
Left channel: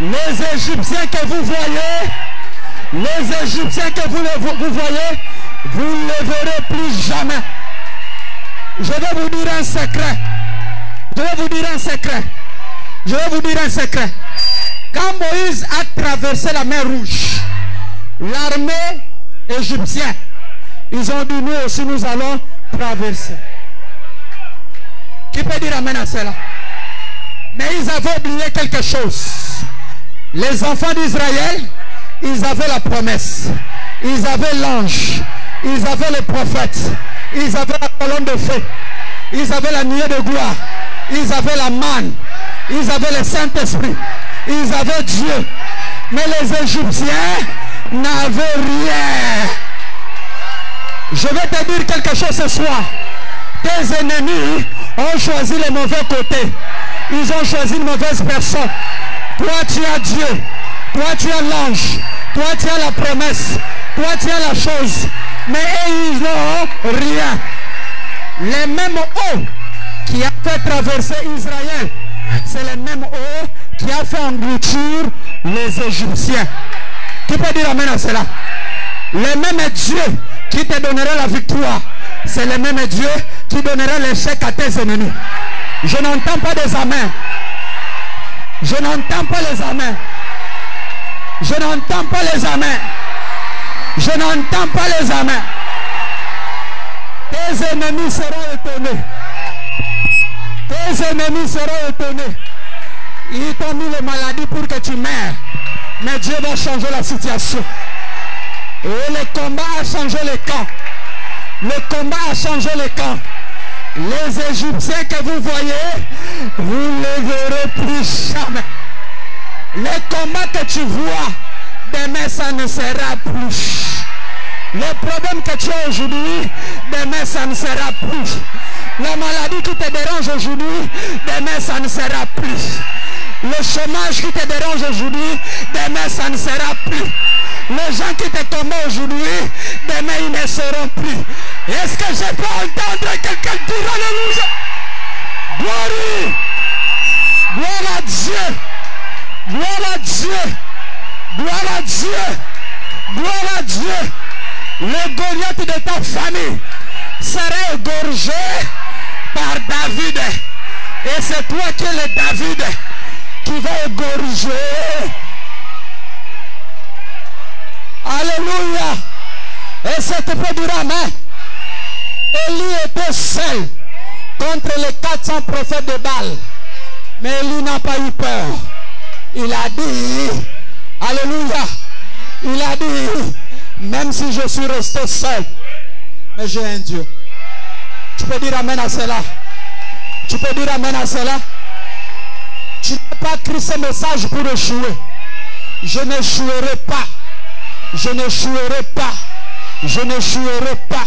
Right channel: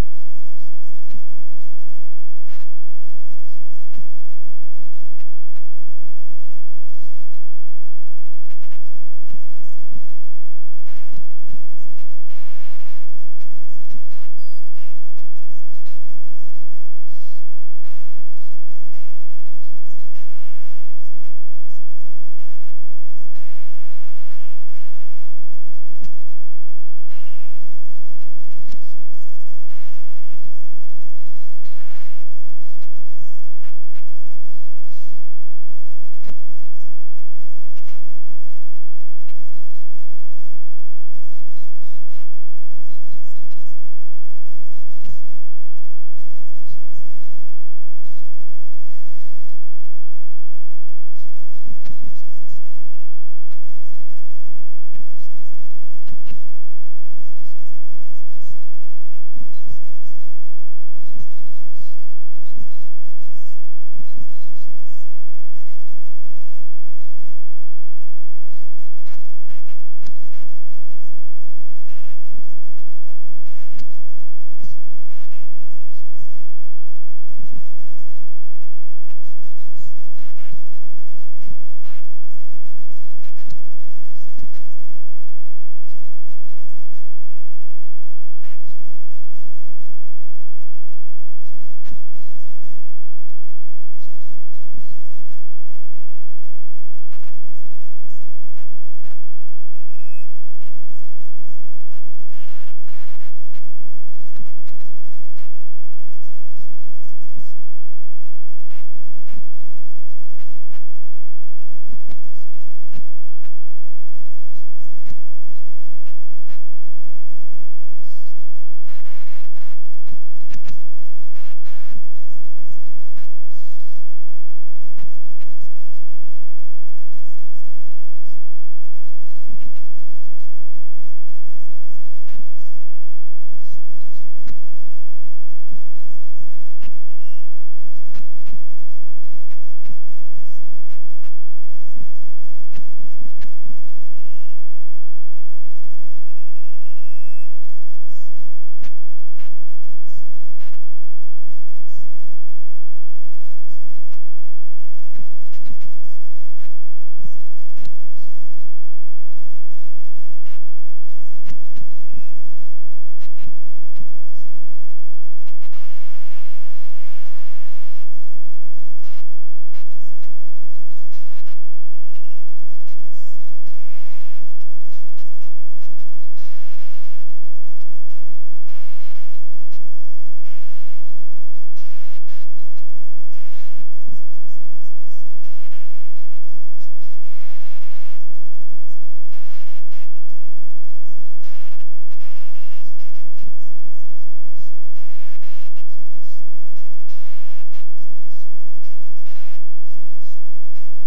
Les Égyptiens que vous voyez, vous ne les verrez plus jamais. Je vais vous dire un secret. Quand Moïse a traversé la mer Rouge, l'armée égyptienne, ils ont dit nous aussi nous allons traverser. Qui peut dire amen à cela? Mais ils avaient oublié quelque chose. Les enfants d'Israël, ils avaient la promesse. Ils avaient l'ange. Ils avaient le prophète. Ils avaient la colonne de feu. Ils avaient la nuée de gloire. Ils avaient la manne. Ils avaient le Saint-Esprit. Ils avaient Dieu. Mais les Égyptiens n'avaient rien. Je vais te dire quelque chose ce soir. Tes ennemis ont choisi le mauvais côté. Ils ont choisi une mauvaise personne. Toi tu as Dieu. Toi tu as l'ange. Toi tu as la promesse. Toi tu as la chose. Mais ils n'ont rien. Les mêmes eaux qui a fait traverser Israël, c'est les mêmes eaux qui a fait engloutir les Égyptiens. Qui peut dire amen à cela? Les mêmes Dieu qui te donnerait la victoire, C'est le même Dieu qui donnera l'échec à tes ennemis. Je n'entends pas des amens. Je n'entends pas les amens. Je n'entends pas les amens. Je n'entends pas les amens. Tes ennemis seront étonnés. Tes ennemis seront étonnés. Ils t'ont mis les maladies pour que tu meurs. Mais Dieu va changer la situation. Et le combat a changé les camps. Le combat a changé les camps. Les Égyptiens que vous voyez, vous ne les verrez plus jamais. Les combats que tu vois, demain ça ne sera plus. Les problèmes que tu as aujourd'hui, demain ça ne sera plus. La maladie qui te dérange aujourd'hui, demain ça ne sera plus. Le chômage qui te dérange aujourd'hui, demain ça ne sera plus. Les gens qui te tombent aujourd'hui, demain ils ne seront plus. Est-ce que je peux entendre quelqu'un dire alléluia? Gloire! Gloire à Dieu! Gloire à Dieu! Gloire à Dieu! Gloire à Dieu! Le Goliath de ta famille sera égorgé par David. Et c'est toi qui es le David qui va égorger. Alléluia. Et c'est pour dire amen. Élie était seul contre les 400 prophètes de Baal. Mais Élie n'a pas eu peur. Il a dit, alléluia, il a dit, même si je suis resté seul, mais j'ai un Dieu. Tu peux dire amen à cela? Tu peux dire amen à cela? Tu n'as pas écrit ce message pour échouer. Je n'échouerai pas. Je n'échouerai pas. Je n'échouerai pas.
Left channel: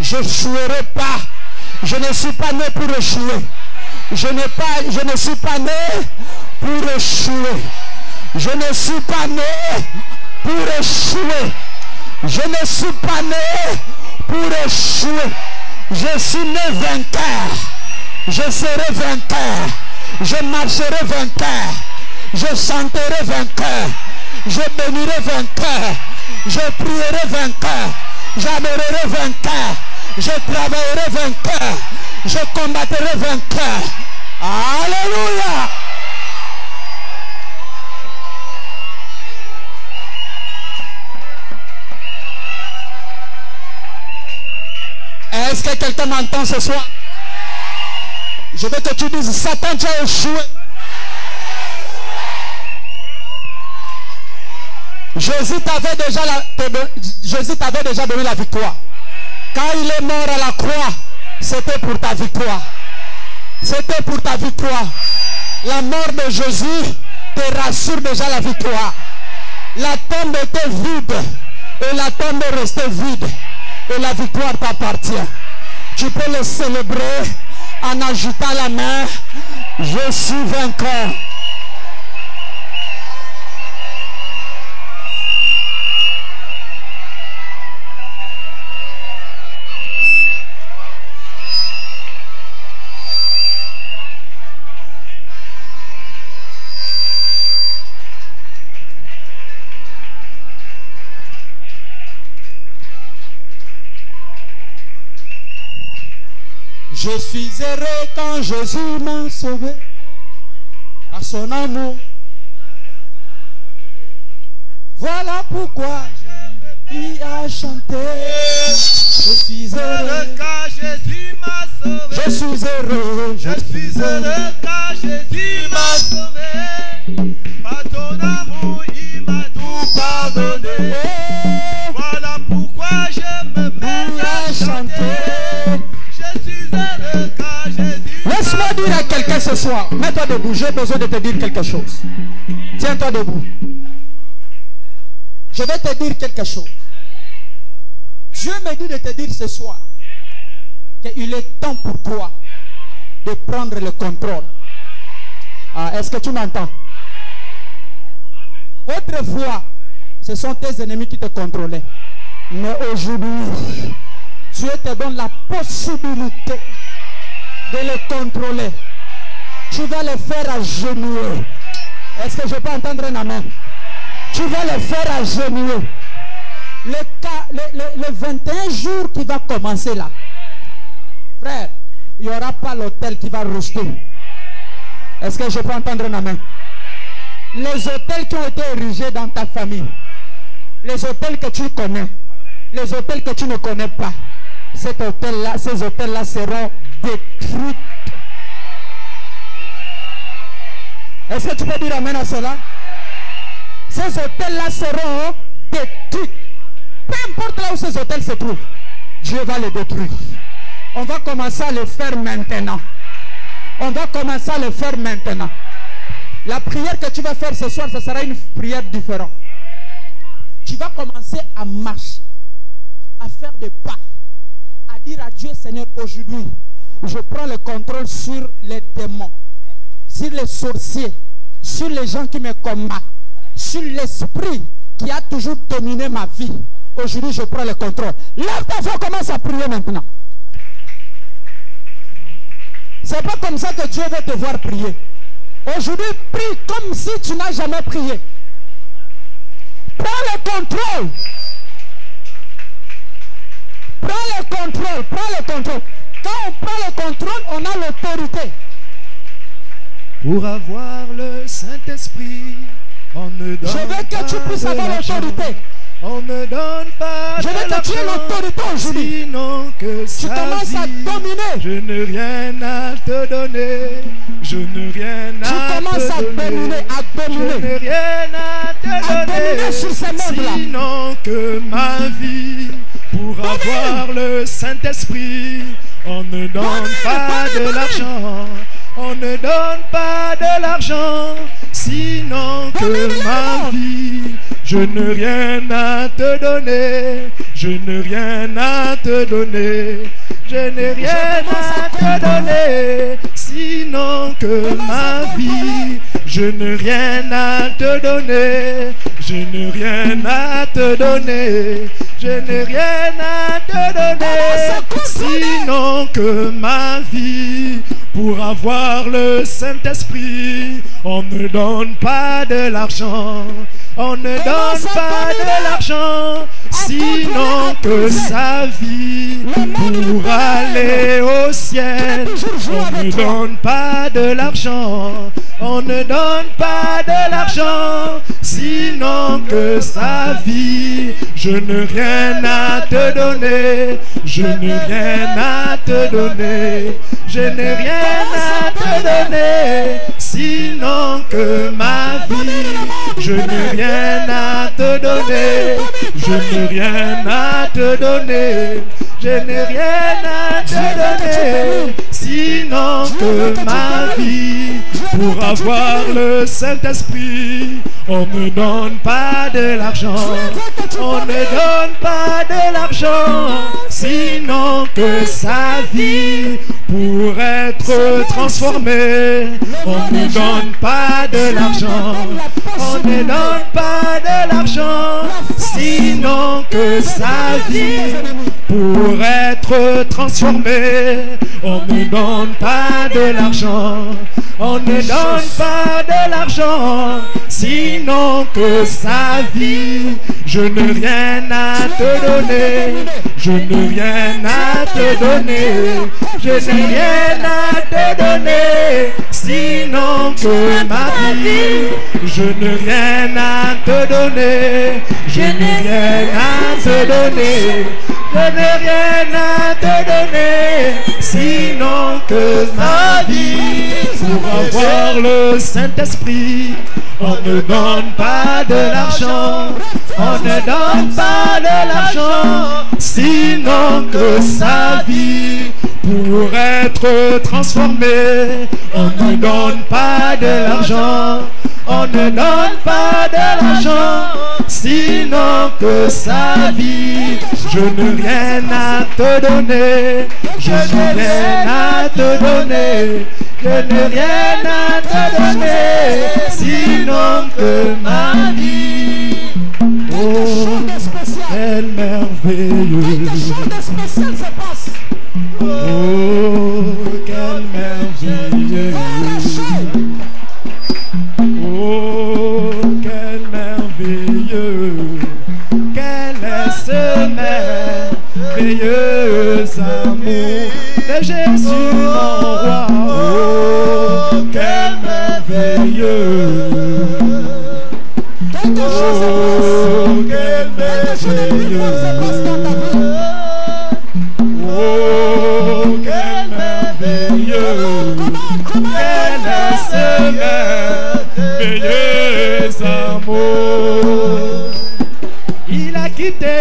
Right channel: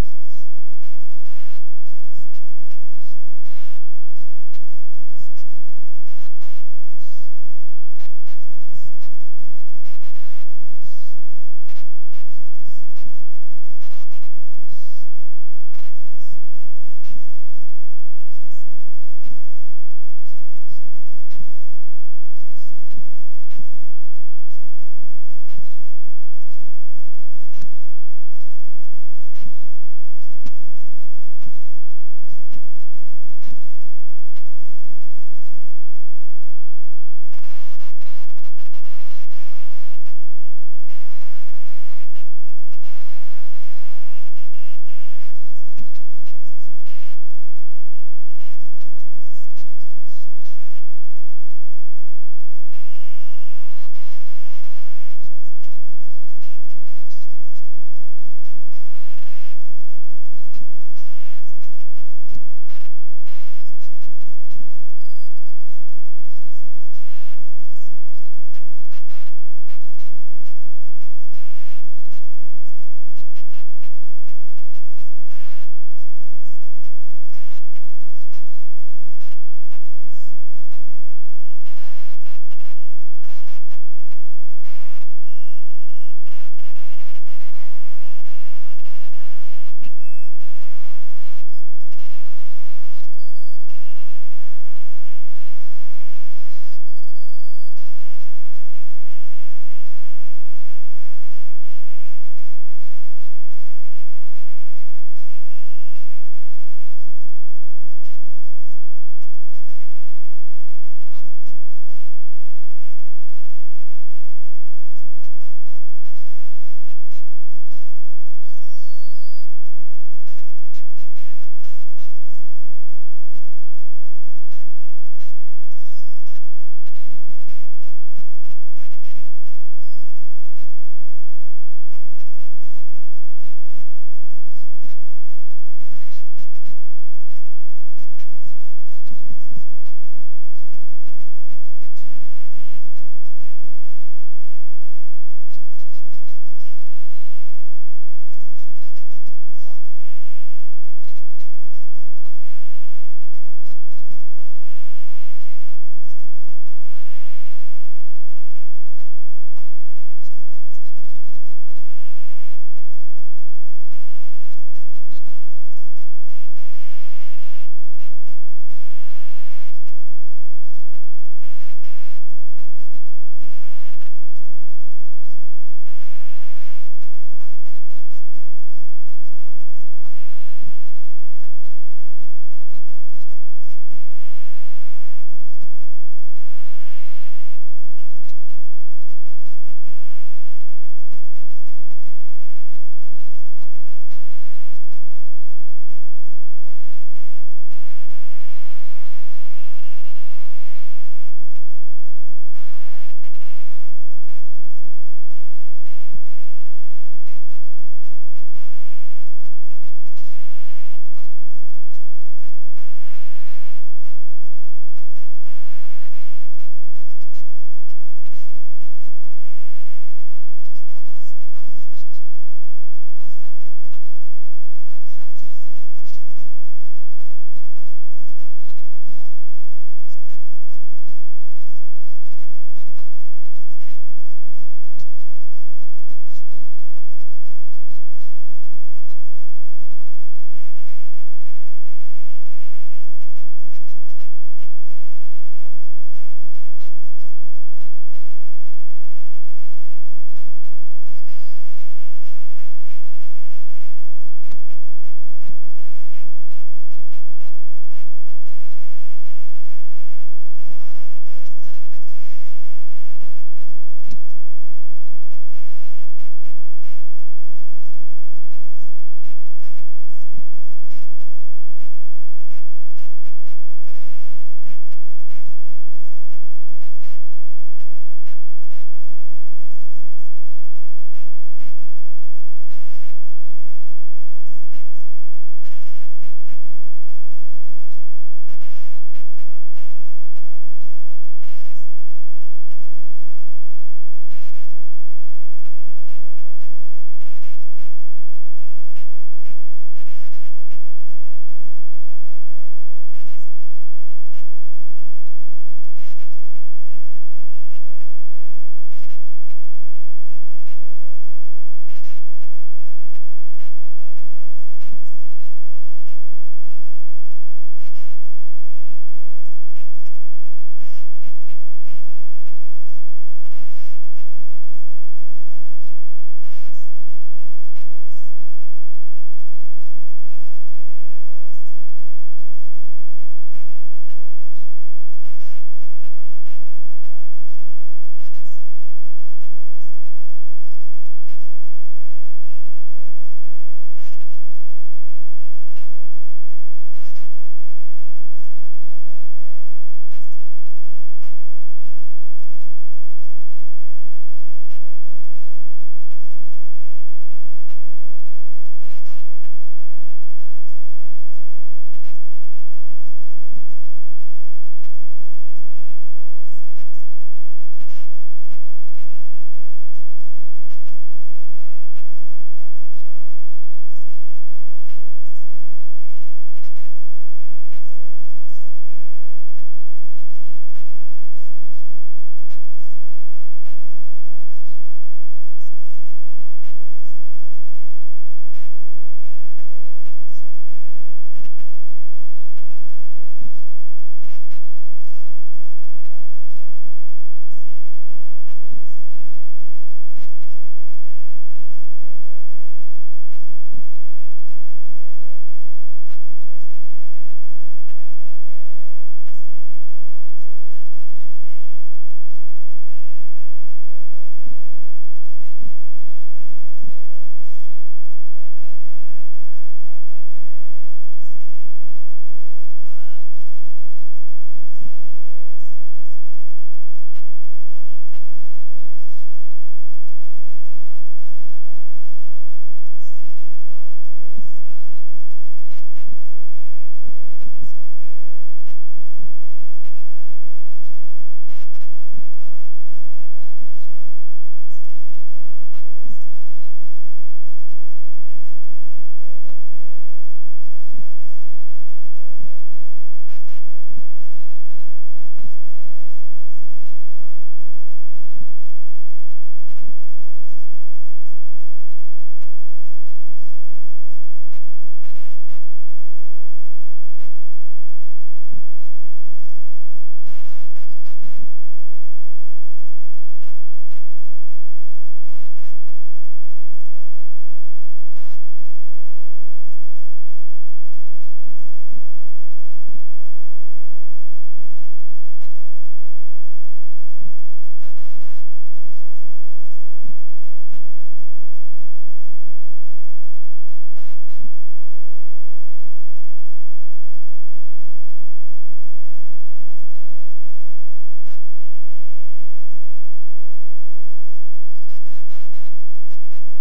Je n'échouerai pas. Je ne suis pas né pour échouer. Je ne suis pas né pour échouer. Je ne suis pas né pour échouer. Je ne suis pas né pour échouer. Je suis né vainqueur. Je serai vainqueur. Je marcherai vainqueur. Je chanterai vainqueur. Je bénirai vainqueur. Je prierai vainqueur. J'adorerai vainqueur. Je travaillerai vainqueur. Je combattrai vainqueur. Alléluia. Est-ce que quelqu'un m'entend ce soir? Je veux que tu dises, Satan, tu as échoué. Jésus t'avait déjà donné la victoire. Quand il est mort à la croix, c'était pour ta victoire. C'était pour ta victoire. La mort de Jésus te rassure déjà la victoire. La tombe était vide et la tombe est restée vide. Et la victoire t'appartient. Tu peux le célébrer en agitant la main. Je suis vainqueur. Je suis heureux quand Jésus m'a sauvé à son amour. Voilà pourquoi je lui ai chanté. Je suis heureux quand Jésus m'a sauvé. Je suis heureux. Je suis heureux quand Jésus m'a sauvé. Par ton amour, il m'a tout pardonné. Voilà pourquoi je me mets à chanter. Laisse-moi dire à quelqu'un ce soir, mets-toi debout, j'ai besoin de te dire quelque chose. Tiens-toi debout. Je vais te dire quelque chose. Dieu me dit de te dire ce soir qu'il est temps pour toi de prendre le contrôle. Est-ce que tu m'entends? Autrefois, ce sont tes ennemis qui te contrôlaient. Mais aujourd'hui, Dieu te donne la possibilité de les contrôler. Tu vas les faire agenouiller. Est-ce que je peux entendre un amen? Tu vas les faire agenouiller. Le 21 jours qui va commencer là, Frère, il n'y aura pas l'hôtel qui va rejeter. Est-ce que je peux entendre un amen? Les hôtels qui ont été érigés dans ta famille, les hôtels que tu connais, les hôtels que tu ne connais pas, ces hôtels-là seront détruits. Est-ce que tu peux dire amen à cela? Ces hôtels-là seront détruits. Peu importe là où ces hôtels se trouvent, Dieu va les détruire. On va commencer à le faire maintenant. On va commencer à le faire maintenant. La prière que tu vas faire ce soir, ce sera une prière différente. Tu vas commencer à marcher, à faire des pas, à dire à Dieu, Seigneur, aujourd'hui, je prends le contrôle sur les démons, sur les sorciers, sur les gens qui me combattent, sur l'esprit qui a toujours dominé ma vie. Aujourd'hui, je prends le contrôle. Lève ta voix, commence à prier maintenant. C'est pas comme ça que Dieu veut te voir prier. Aujourd'hui, prie comme si tu n'as jamais prié. Prends le contrôle. Prends le contrôle. Prends le contrôle. Quand on prend le contrôle, on a l'autorité. Pour avoir le Saint-Esprit, on ne donne Je veux que tu puisses avoir l'autorité. On ne donne pas Je veux que tu aies l'autorité aujourd'hui. Sinon que tu commences à dominer. Je n'ai rien à te donner. Je n'ai rien à te donner. Tu commences à dominer, à dominer. Je n'ai rien à te donner. Sur ces mondes-là. Sinon que ma vie, pour avoir le Saint-Esprit, on ne donne pas de l'argent. On ne donne pas de l'argent. Sinon que ma vie, je n'ai rien à te donner. Je n'ai rien à te donner. Je n'ai rien à te donner. Sinon que ma vie, je n'ai rien à te donner. Je n'ai rien à te donner. Je n'ai rien à te donner. Sinon que ma vie, pour avoir le Saint-Esprit, on ne donne pas de l'argent. On ne donne pas de l'argent. Sinon que sa vie, pour aller au ciel, on ne donne pas de l'argent. On ne donne pas de l'argent. Sinon que sa vie, je n'ai rien à te donner. Je n'ai rien à te donner. Je n'ai rien à te donner. Sinon que ma vie, je n'ai rien à te donner. Je n'ai rien à te donner. Je n'ai rien à te donner. Sinon que ma vie, pour avoir le Saint-Esprit, on ne donne pas de l'argent. On ne donne pas de l'argent. Sinon que sa vie, pour être transformée, on ne donne pas de l'argent. On ne donne pas de l'argent. Sinon que sa vie, pour être transformée, on ne donne pas de l'argent. On ne donne pas de l'argent. Sinon que sa vie, je n'ai rien à te donner. Je n'ai rien à te donner. Je n'ai rien à te donner. Sinon que ma vie, je n'ai rien à te donner. Je n'ai rien à te donner. Je n'ai rien à te donner. Sinon que ma vie, pour avoir le Saint-Esprit, on ne donne pas de l'argent. On ne donne pas de l'argent. Sinon que sa vie, pour être transformée, on ne donne pas de l'argent. On ne donne pas de l'argent. Sinon que sa vie, je n'ai rien à te donner. Je n'ai rien à te donner. Je n'ai rien à te donner. Sinon que ma vie. Oh, quelle merveilleuse. Oh, quelle merveilleuse. Oh, quel merveilleux. Quelle est ce merveilleux. merveilleux amour de Jésus mon roi. Oh, quel merveilleux. Quelque chose se passe. Quel merveilleux. Oh, quel merveilleux. Quel est ce merveilleux amour. Il a quitté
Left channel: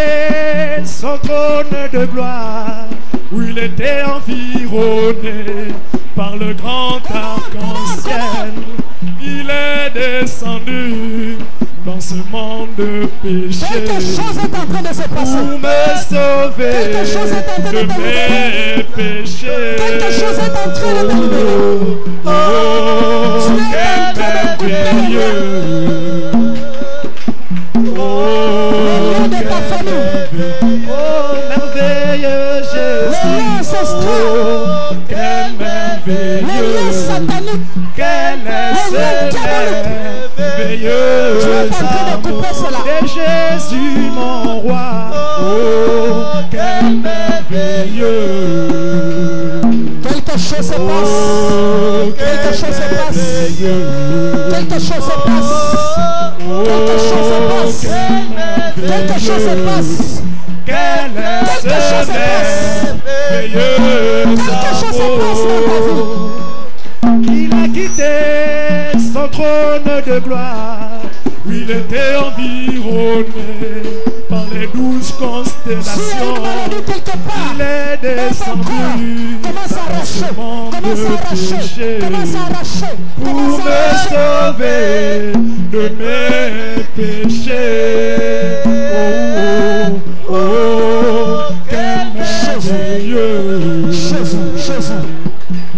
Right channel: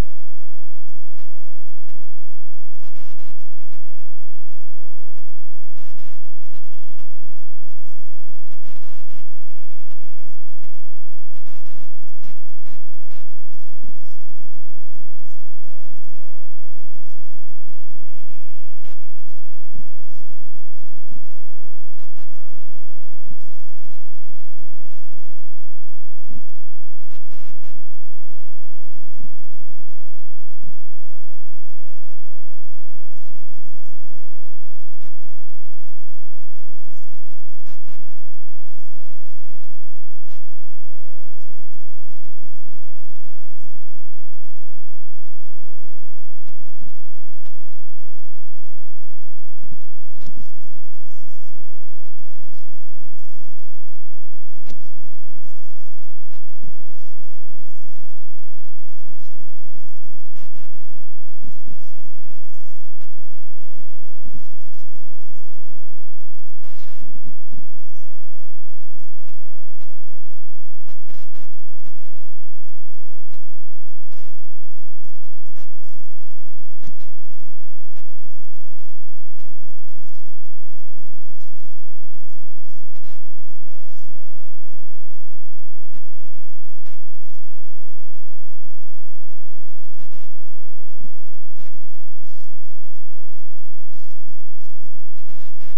son trône de gloire où il était environné par le grand arc-en-ciel. Il est descendu dans ce monde de péché. Quelque chose est en train de se passer. Pour me sauver de mes péchés. Quelque chose est en train de me libérer. Oh, quel merveilleux. Oh, quel merveilleux. Oh, merveilleux Jésus. Oh, quel merveilleux. Quel est ce merveilleux amour de Jésus mon roi. Oh, quel merveilleux. Quelque chose se passe. Quelque chose se passe. Quelque chose se passe. Quelque chose se passe. Quelque chose se passe. Quel est ce merveilleux amour. Il a quitté son trône de gloire où il était environné par les 12 constellations. Il est descendu dans ce monde de péché pour me sauver de mes péchés. Oh, oh, oh, quel merveilleux. Jésus, Jésus,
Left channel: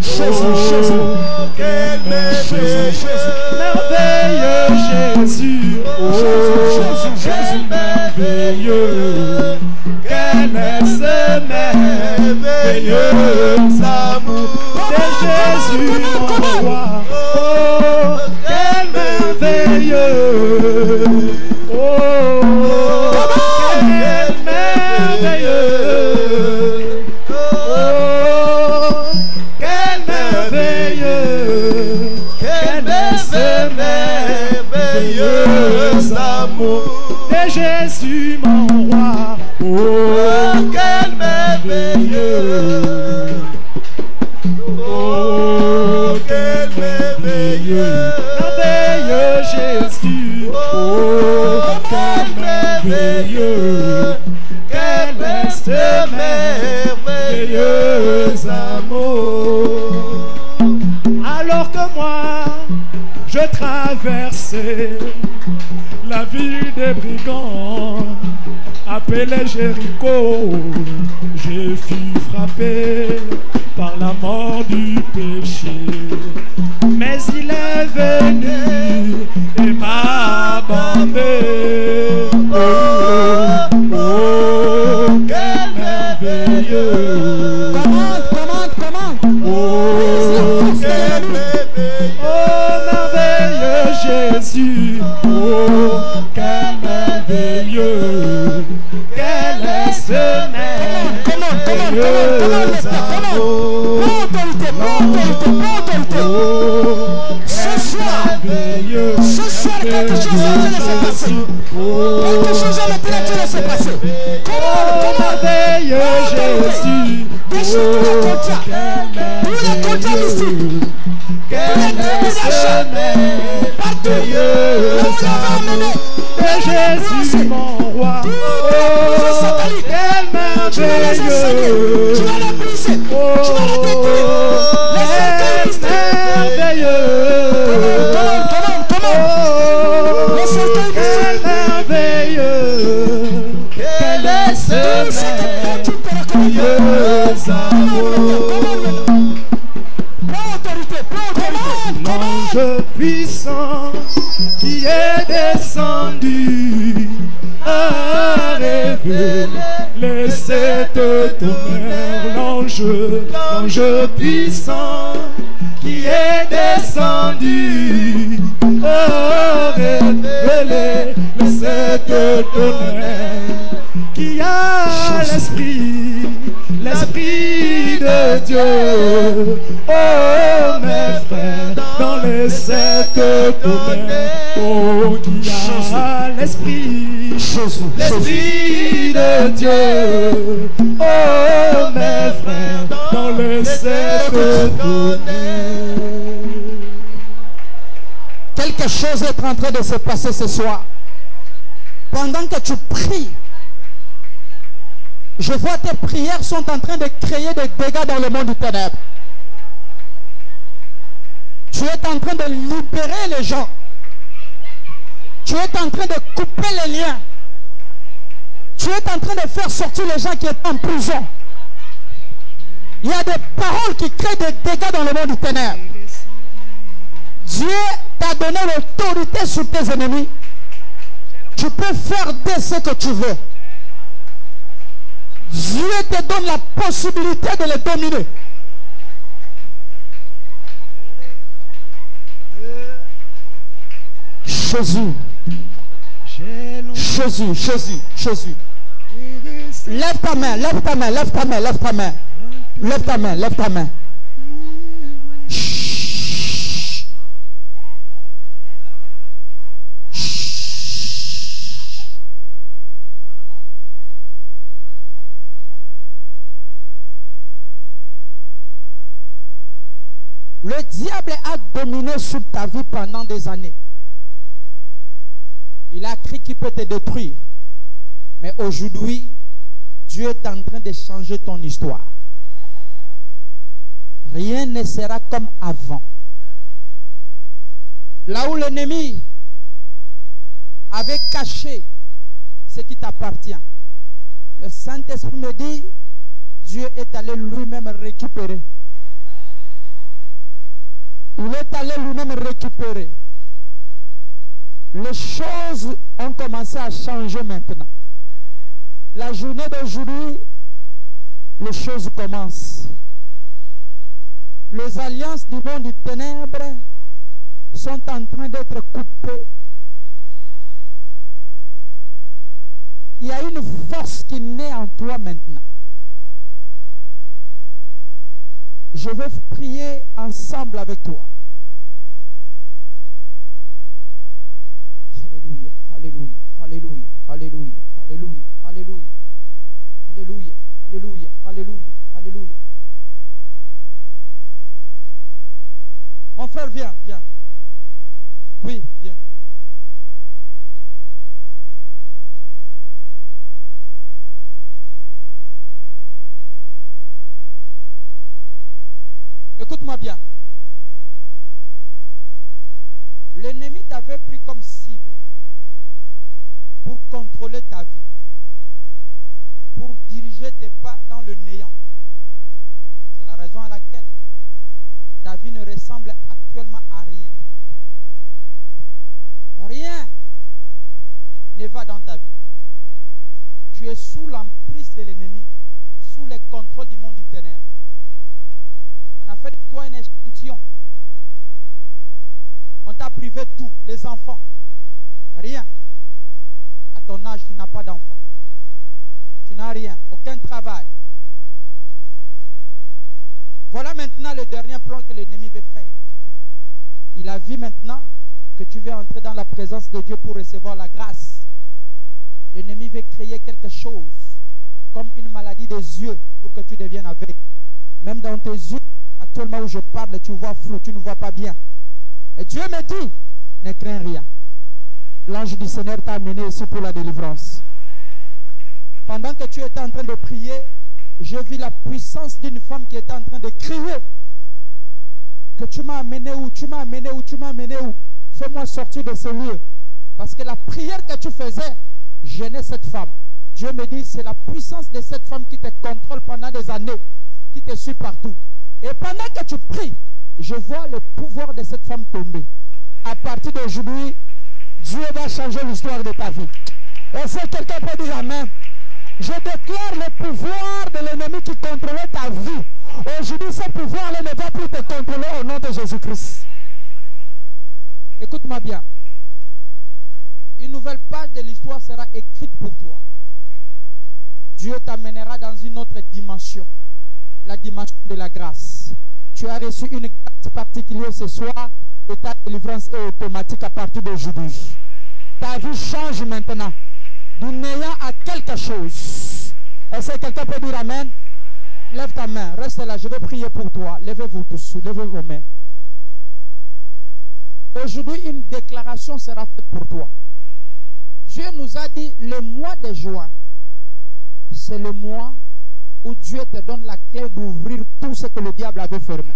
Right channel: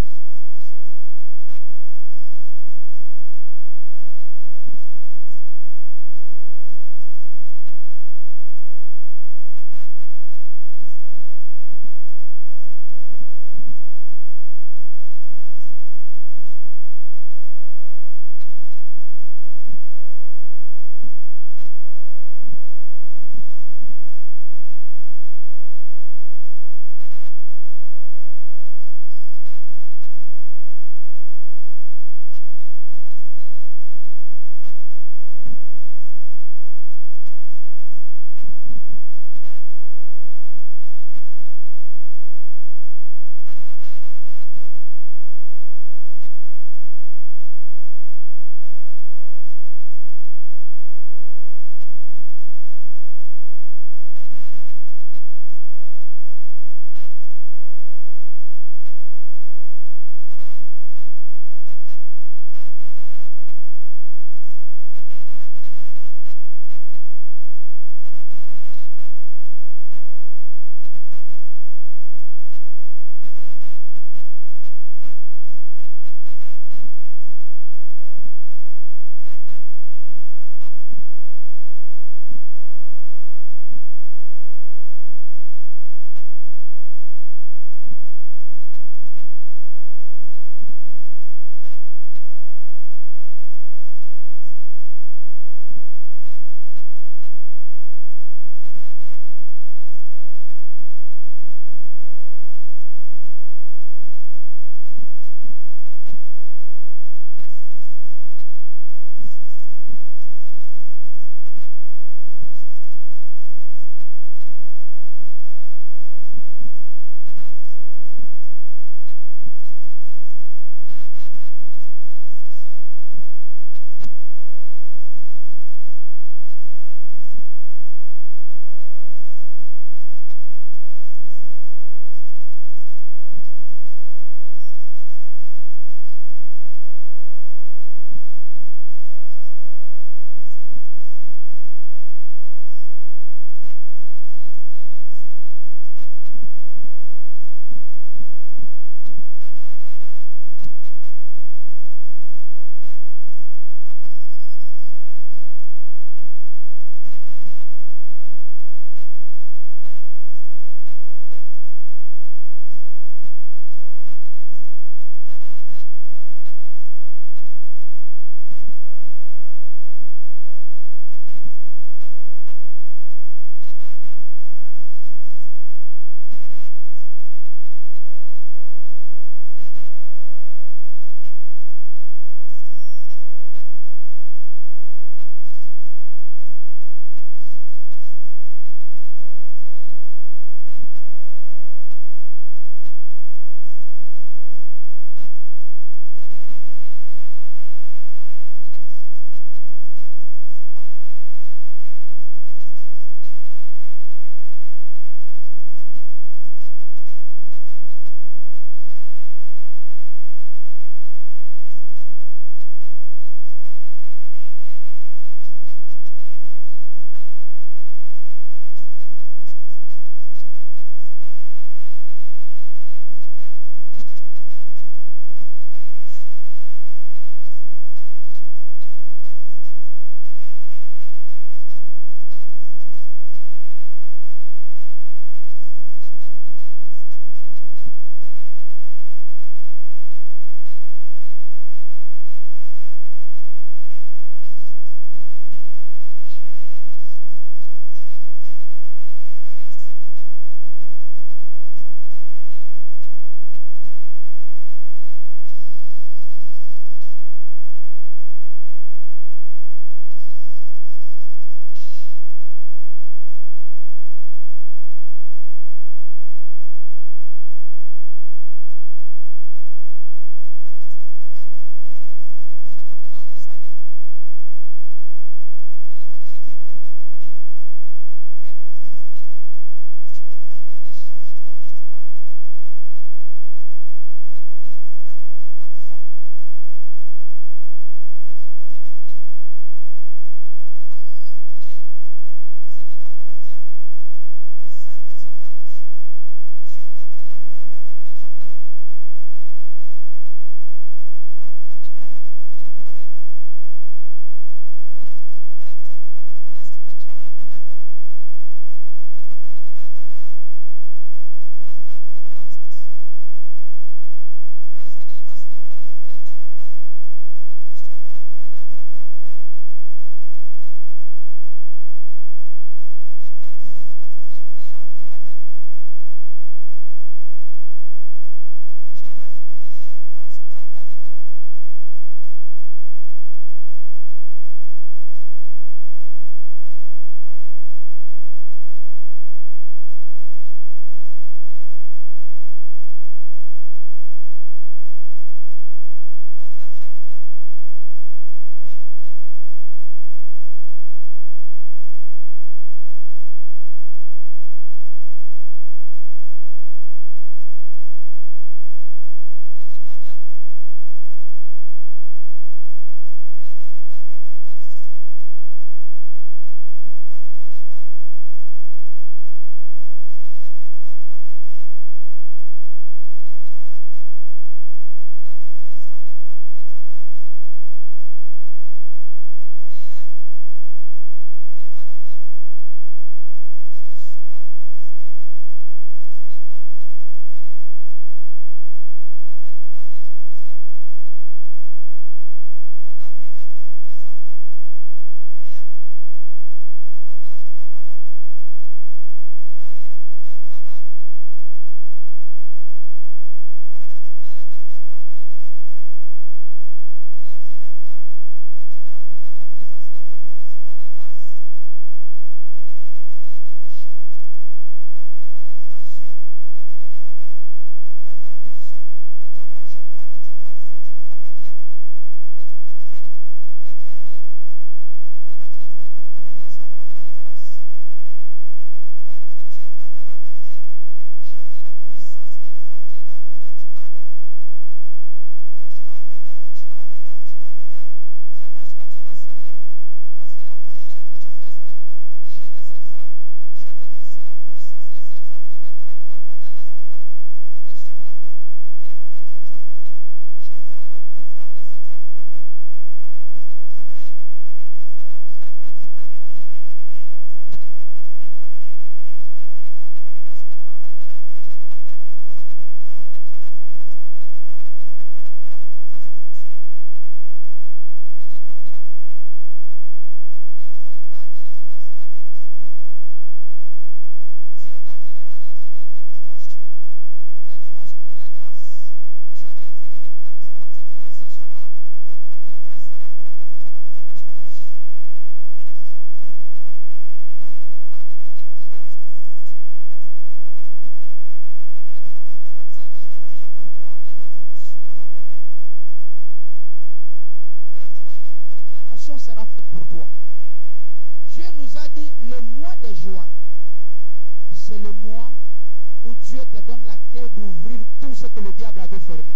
Jésus, Jésus. Quel merveilleux Jésus. Oh, quel merveilleux. Quel est ce merveilleux amour de Jésus mon roi. Oh, quel merveilleux. Oh, quel merveilleux. Oh, quel merveilleux. Quel est ce merveilleux amour de Jésus mon roi. Oh, quel merveilleux. Oh, quel merveilleux. Merveilleux Jésus. Oh, quel merveilleux. Quel est ce merveilleux amour. Alors que moi, je traversais la ville des brigands appelée Jéricho, j'ai fui frappé par la mort du péché. Mais il est venu et m'a abandonné. Oh, oh, oh, quel merveilleux. Comment? Oh, quel merveilleux. Oh, merveilleux Jésus. Oh, quel merveilleux. Quel est ce merveilleux amour. Ce soir, quelque chose est en train de se passer. Quelque chose est en train de se passer. Comment? Merveilleux Jésus. Déchire tous les contrats. Tous les contrats ici. Quel est ce merveilleux amour de Jésus mon roi. Oh, quel merveilleux. Tu vas les briser. Tu vas les détruire. Les cercueils merveilleux. Comment? Les cercueils Quel merveilleux. Quel est ce merveilleux amour. L'ange puissant qui est descendu a révélé cette tonnerre. L'ange puissant qui est descendu a révélé cette tonnerre qui a l'esprit Esprit, Jésus, l'Esprit de Dieu. Oh mes frères, dans le cercle donné. Quelque chose est en train de se passer ce soir. Pendant que tu pries, je vois tes prières sont en train de créer des dégâts dans le monde du ténèbre. Tu es en train de libérer les gens. Tu es en train de couper les liens. Tu es en train de faire sortir les gens qui étaient en prison. Il y a des paroles qui créent des dégâts dans le monde du ténèbre. Dieu t'a donné l'autorité sur tes ennemis. Tu peux faire de ce que tu veux. Dieu te donne la possibilité de les dominer. Jésus. Jésus, Jésus, Jésus. Lève ta main, lève ta main, lève ta main, lève ta main. Lève ta main, lève ta main. Le diable a dominé sur ta vie pendant des années. Il a cru qu'il peut te détruire. Mais aujourd'hui, Dieu est en train de changer ton histoire. Rien ne sera comme avant. Là où l'ennemi avait caché ce qui t'appartient, le Saint-Esprit me dit, Dieu est allé lui-même récupérer. Il est allé lui-même récupérer. Les choses ont commencé à changer maintenant. La journée d'aujourd'hui, les choses commencent. Les alliances du monde du ténèbre sont en train d'être coupées. Il y a une force qui naît en toi maintenant. Je vais prier ensemble avec toi. Alléluia, alléluia, alléluia, alléluia, alléluia, alléluia, alléluia, alléluia, alléluia, alléluia. Mon frère, viens, viens. Oui, viens. Écoute-moi bien. L'ennemi t'avait pris comme cible pour contrôler ta vie, pour diriger tes pas dans le néant. C'est la raison à laquelle ta vie ne ressemble actuellement à rien. Rien ne va dans ta vie. Tu es sous l'emprise de l'ennemi, sous le contrôle du monde du ténèbre. On a fait de toi un échantillon. On t'a privé de tout, les enfants. Rien. À ton âge, tu n'as pas d'enfant. Tu n'as rien, aucun travail. Voilà maintenant le dernier plan que l'ennemi veut faire. Il a vu maintenant que tu veux entrer dans la présence de Dieu pour recevoir la grâce. L'ennemi veut créer quelque chose, comme une maladie des yeux, pour que tu deviennes aveugle. Même dans tes yeux, actuellement où je parle, tu vois flou, tu ne vois pas bien. Et Dieu me dit, ne crains rien. L'ange du Seigneur t'a amené ici pour la délivrance. Pendant que tu étais en train de prier, j'ai vu la puissance d'une femme qui était en train de crier. Que tu m'as amené où, tu m'as amené où, tu m'as amené où. Fais-moi sortir de ce lieu. Parce que la prière que tu faisais gênait cette femme. Dieu me dit, c'est la puissance de cette femme qui te contrôle pendant des années, qui te suit partout. Et pendant que tu pries, je vois le pouvoir de cette femme tomber. À partir d'aujourd'hui, Dieu va changer l'histoire de ta vie. Et si quelqu'un peut dire amen, je déclare le pouvoir de l'ennemi qui contrôlait ta vie. Aujourd'hui, ce pouvoir-là ne va plus te contrôler au nom de Jésus-Christ. Écoute-moi bien. Une nouvelle page de l'histoire sera écrite pour toi. Dieu t'amènera dans une autre dimension. La dimension de la grâce. Tu as reçu une grâce particulière ce soir et ta délivrance est automatique à partir d'aujourd'hui. Ta vie change maintenant. Du néant à quelque chose. Est-ce que quelqu'un peut dire amen? Lève ta main. Reste là. Je vais prier pour toi. Levez-vous tous. Levez vos mains. Aujourd'hui, une déclaration sera faite pour toi. Dieu nous a dit, le mois de juin, c'est le mois où Dieu te donne la clé d'ouvrir tout ce que le diable avait fermé.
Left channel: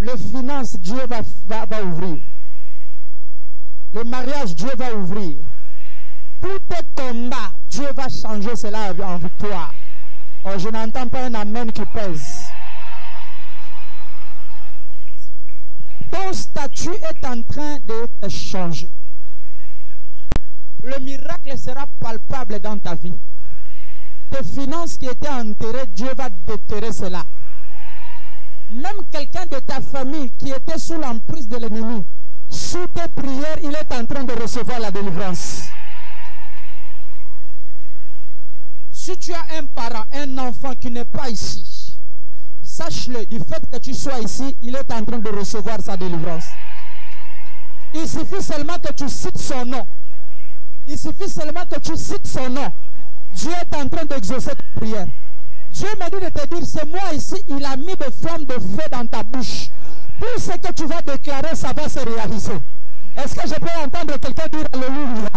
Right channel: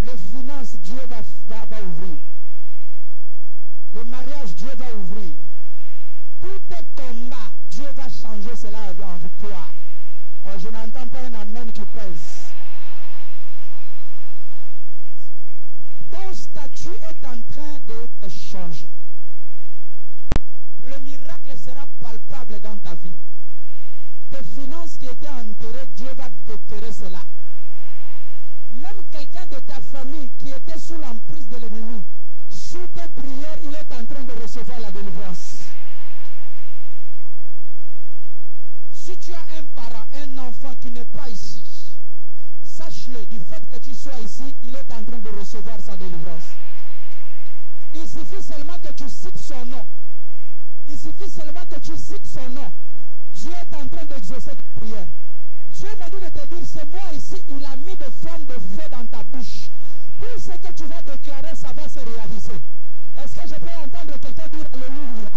Les finances, Dieu va ouvrir. Le mariage, Dieu va ouvrir. Tout tes combats, Dieu va changer cela en victoire. Oh, je n'entends pas un amen qui pèse. Ton statut est en train de changer. Le miracle sera palpable dans ta vie. Tes finances qui étaient enterrées, Dieu va déterrer cela. Même quelqu'un de ta famille qui était sous l'emprise de l'ennemi, sous tes prières, il est en train de recevoir la délivrance. Si tu as un parent, un enfant qui n'est pas ici, sache-le, du fait que tu sois ici, il est en train de recevoir sa délivrance. Il suffit seulement que tu cites son nom. Il suffit seulement que tu cites son nom. Dieu est en train d'exaucer ta prière. Dieu m'a dit de te dire, c'est moi ici, il a mis des flammes de feu dans ta bouche. Tout ce que tu vas déclarer, ça va se réaliser. Est-ce que je peux entendre quelqu'un dire Alléluia?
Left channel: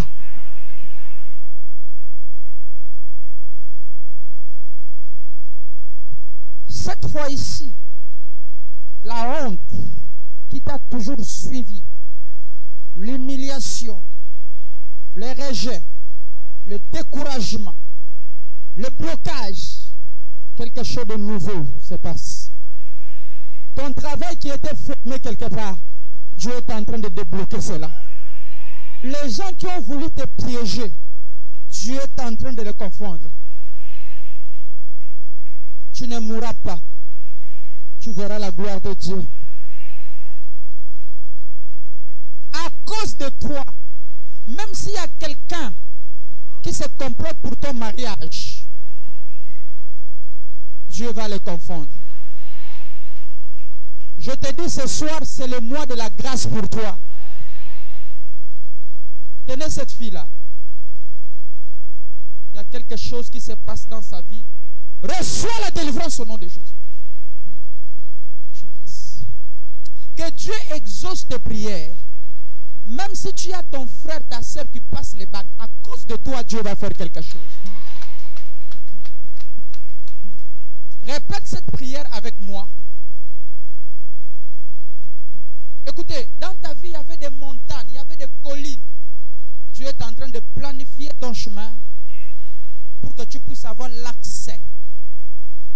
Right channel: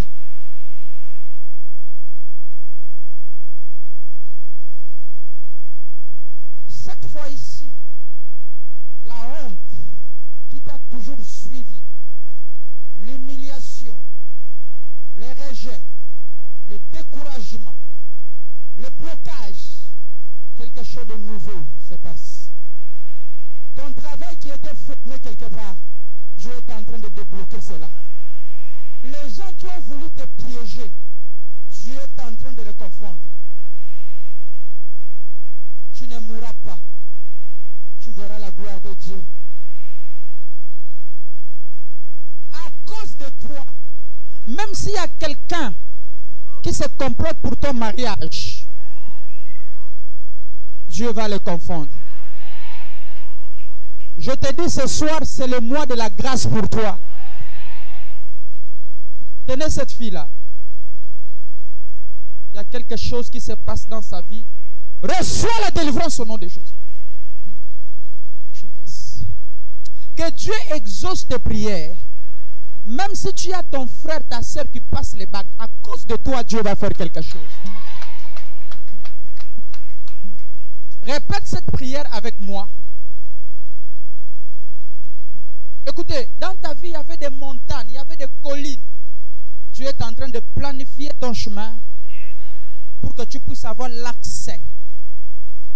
Cette fois ici, la honte qui t'a toujours suivi, l'humiliation, le rejet, le découragement, le blocage, quelque chose de nouveau se passe. Ton travail qui était fermé quelque part, Dieu est en train de débloquer cela. Les gens qui ont voulu te piéger, Dieu est en train de les confondre. Tu ne mourras pas. Tu verras la gloire de Dieu. À cause de toi, même s'il y a quelqu'un qui se complote pour ton mariage, Dieu va le confondre. Je te dis ce soir, c'est le mois de la grâce pour toi. Tenez cette fille-là. Il y a quelque chose qui se passe dans sa vie. Reçois la délivrance au nom de Jésus. Que Dieu exauce tes prières. Même si tu as ton frère, ta soeur qui passe les bagues, à cause de toi, Dieu va faire quelque chose. Répète cette prière avec moi. Écoutez, dans ta vie, il y avait des montagnes, il y avait des collines. Dieu est en train de planifier ton chemin pour que tu puisses avoir l'accès.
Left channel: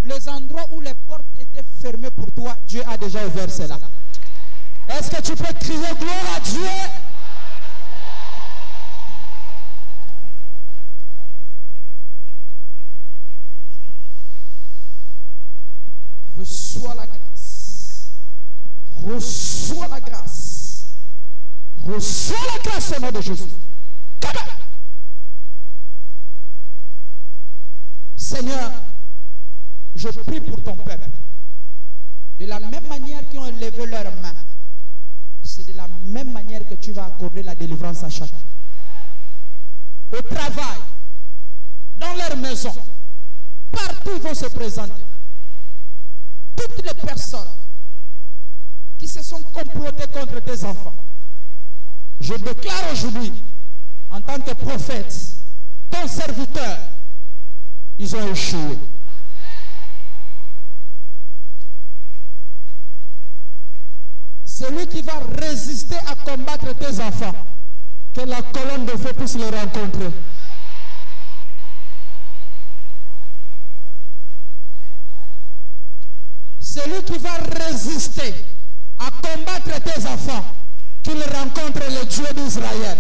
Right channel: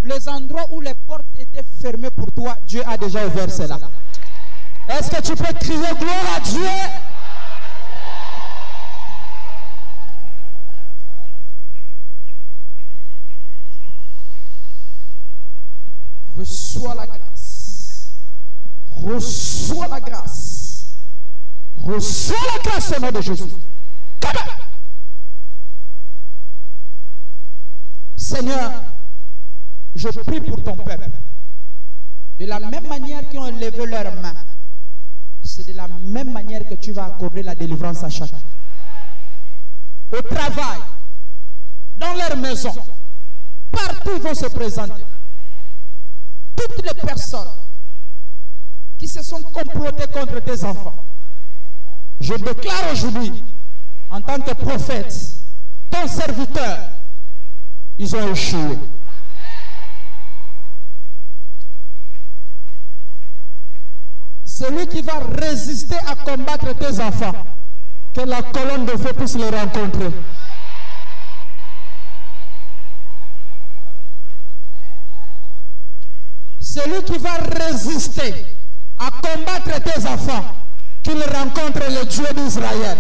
Les endroits où les portes étaient fermées pour toi, Dieu a déjà ouvert cela. Est-ce que tu peux crier gloire à Dieu? Reçois la grâce. Reçois la grâce. Reçois la grâce au nom de Jésus. Seigneur, je prie pour ton peuple. De la même manière qu'ils ont levé leurs mains, c'est de la même manière que tu vas accorder la délivrance à chacun. Au travail, dans leur maison, partout ils vont se présenter. Toutes les personnes qui se sont complotées contre tes enfants, je déclare aujourd'hui, en tant que prophète, ton serviteur, ils ont échoué. Celui qui va résister à combattre tes enfants, que la colonne de feu puisse les rencontrer. Celui qui va résister à combattre tes enfants, qu'il rencontre le Dieu d'Israël.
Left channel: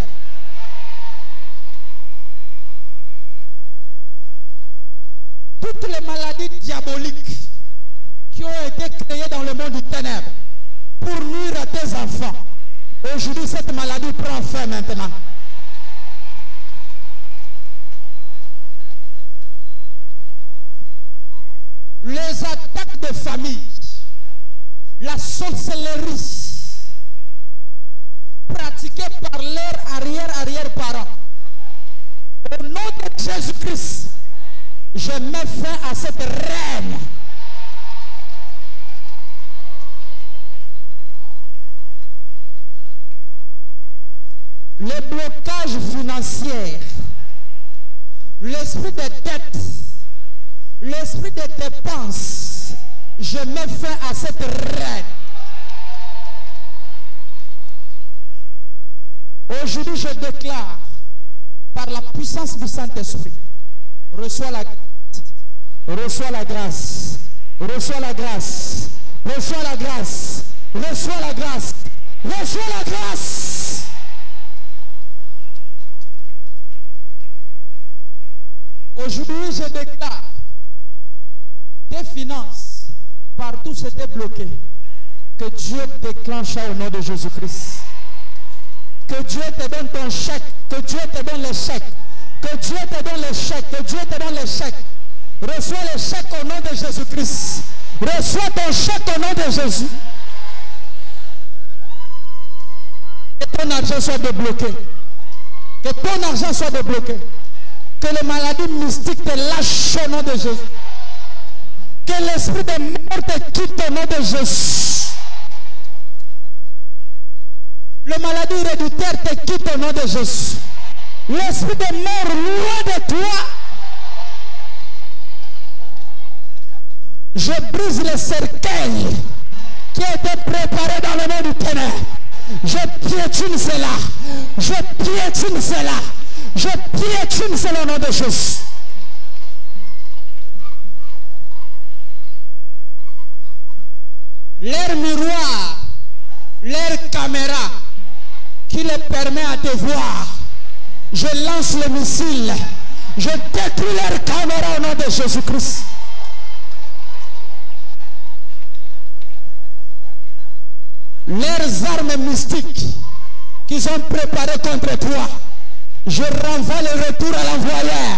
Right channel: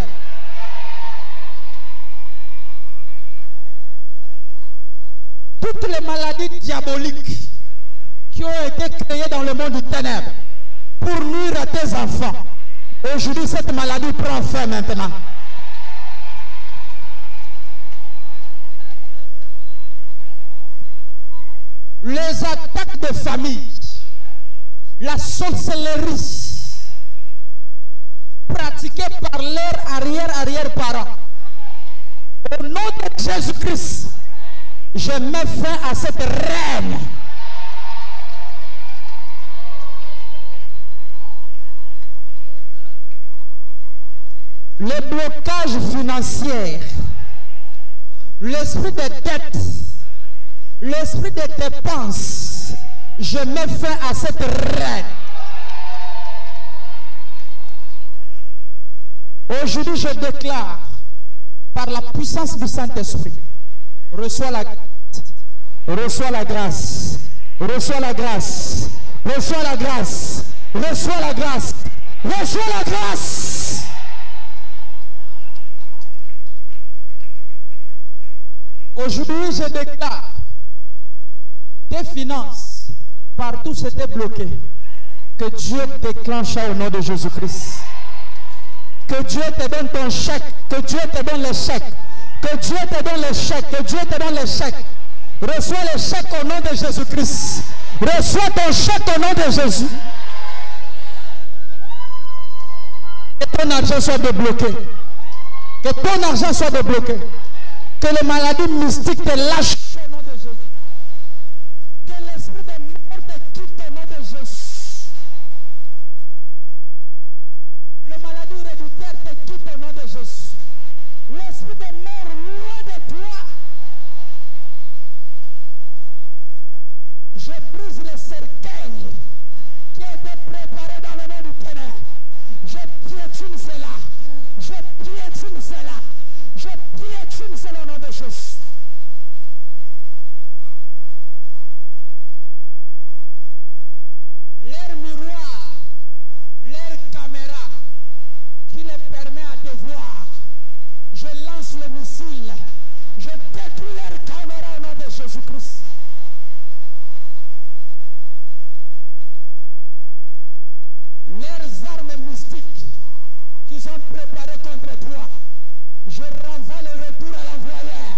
Toutes les maladies diaboliques qui ont été créées dans le monde du ténèbre pour nuire à tes enfants, aujourd'hui cette maladie prend fin maintenant. Les attaques de famille, la sorcellerie, pratiquées par leurs arrière-parents. Au nom de Jésus-Christ, je mets fin à cette règne. Le blocage financier, l'esprit de dette, l'esprit de dépense, je mets fin à cette règne. Aujourd'hui, je déclare, par la puissance du Saint-Esprit, reçois la grâce, reçois la grâce, reçois la grâce, reçois la grâce, reçois la grâce, reçois la grâce. Aujourd'hui, je déclare, tes finances, partout c'était bloqué, que Dieu déclenche au nom de Jésus-Christ. Que Dieu te donne ton chèque, que Dieu te donne le chèque, que Dieu te donne le chèque, que Dieu te donne le chèque. Reçois le chèque au nom de Jésus-Christ. Reçois ton chèque au nom de Jésus. Que ton argent soit débloqué. Que ton argent soit débloqué. Que les maladies mystiques te lâchent au nom de Jésus. Que l'esprit de mort te quitte au nom de Jésus. Le maladie héréditaire te quitte au nom de Jésus. L'esprit de mort loin de toi. Je brise le cercueil qui a été préparé dans le nom du ténèbre. Je piétine cela. Je piétine cela. Je piétine cela au nom de Jésus. Leur miroir, leur caméra qui les permet à te voir. Je lance le missile. Je détruis leur caméra au nom de Jésus-Christ. Leurs armes mystiques qu'ils ont préparées contre toi, je renvoie le retour à l'envoyeur.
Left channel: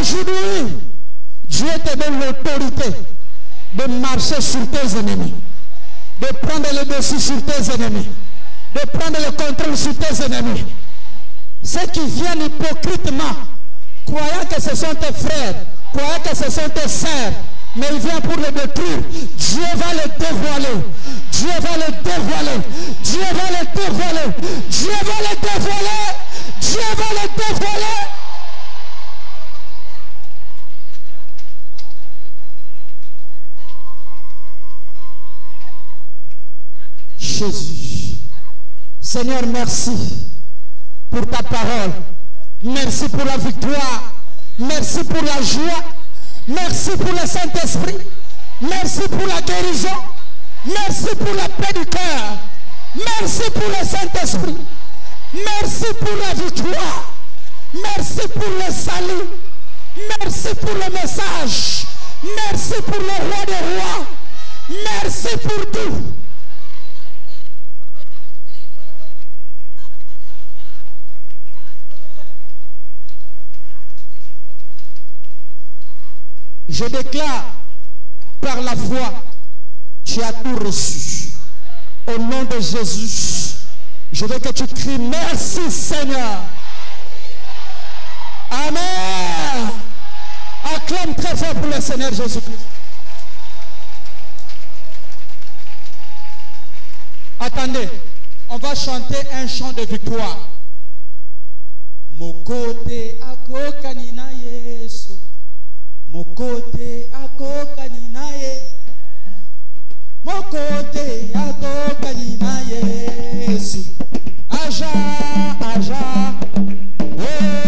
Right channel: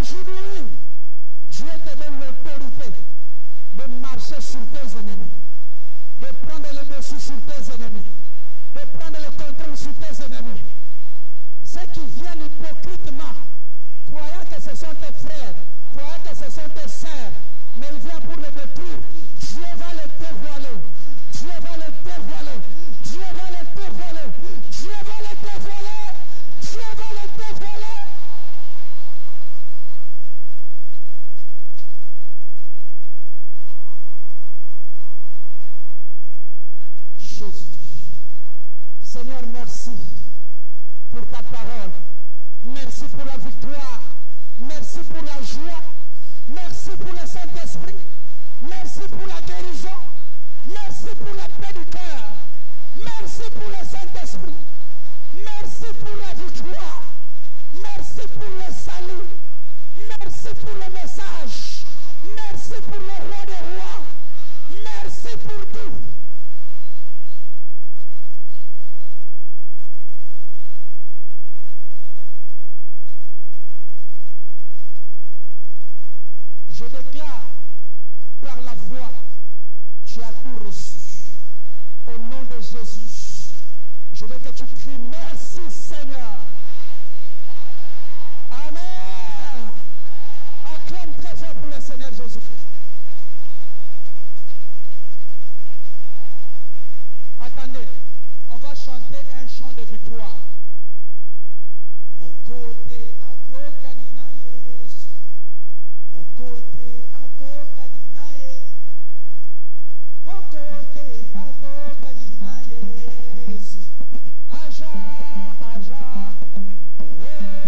Aujourd'hui, Dieu te donne l'autorité de marcher sur tes ennemis, de prendre le dessus sur tes ennemis, de prendre le contrôle sur tes ennemis. Ceux qui viennent hypocritement, croyant que ce sont tes frères, croyant que ce sont tes sœurs, mais ils viennent pour le détruire. Dieu va le dévoiler. Dieu va le dévoiler. Dieu va le dévoiler. Dieu va le dévoiler. Dieu va le dévoiler. Jésus. Seigneur, merci pour ta parole. Merci pour la victoire. Merci pour la joie. Merci pour le Saint-Esprit. Merci pour la guérison. Merci pour la paix du cœur. Merci pour le Saint-Esprit. Merci pour la victoire. Merci pour le salut. Merci pour le message. Merci pour le roi des rois. Merci pour tout. Je déclare par la foi, tu as tout reçu. Au nom de Jésus, je veux que tu cries merci Seigneur. Amen. Acclame très fort pour le Seigneur Jésus-Christ. Attendez, on va chanter un chant de victoire. Mokote akokanina Yesu. Mokote akokanina Yesu. Mokote akokanina Yesu. Aja, aja. Oh.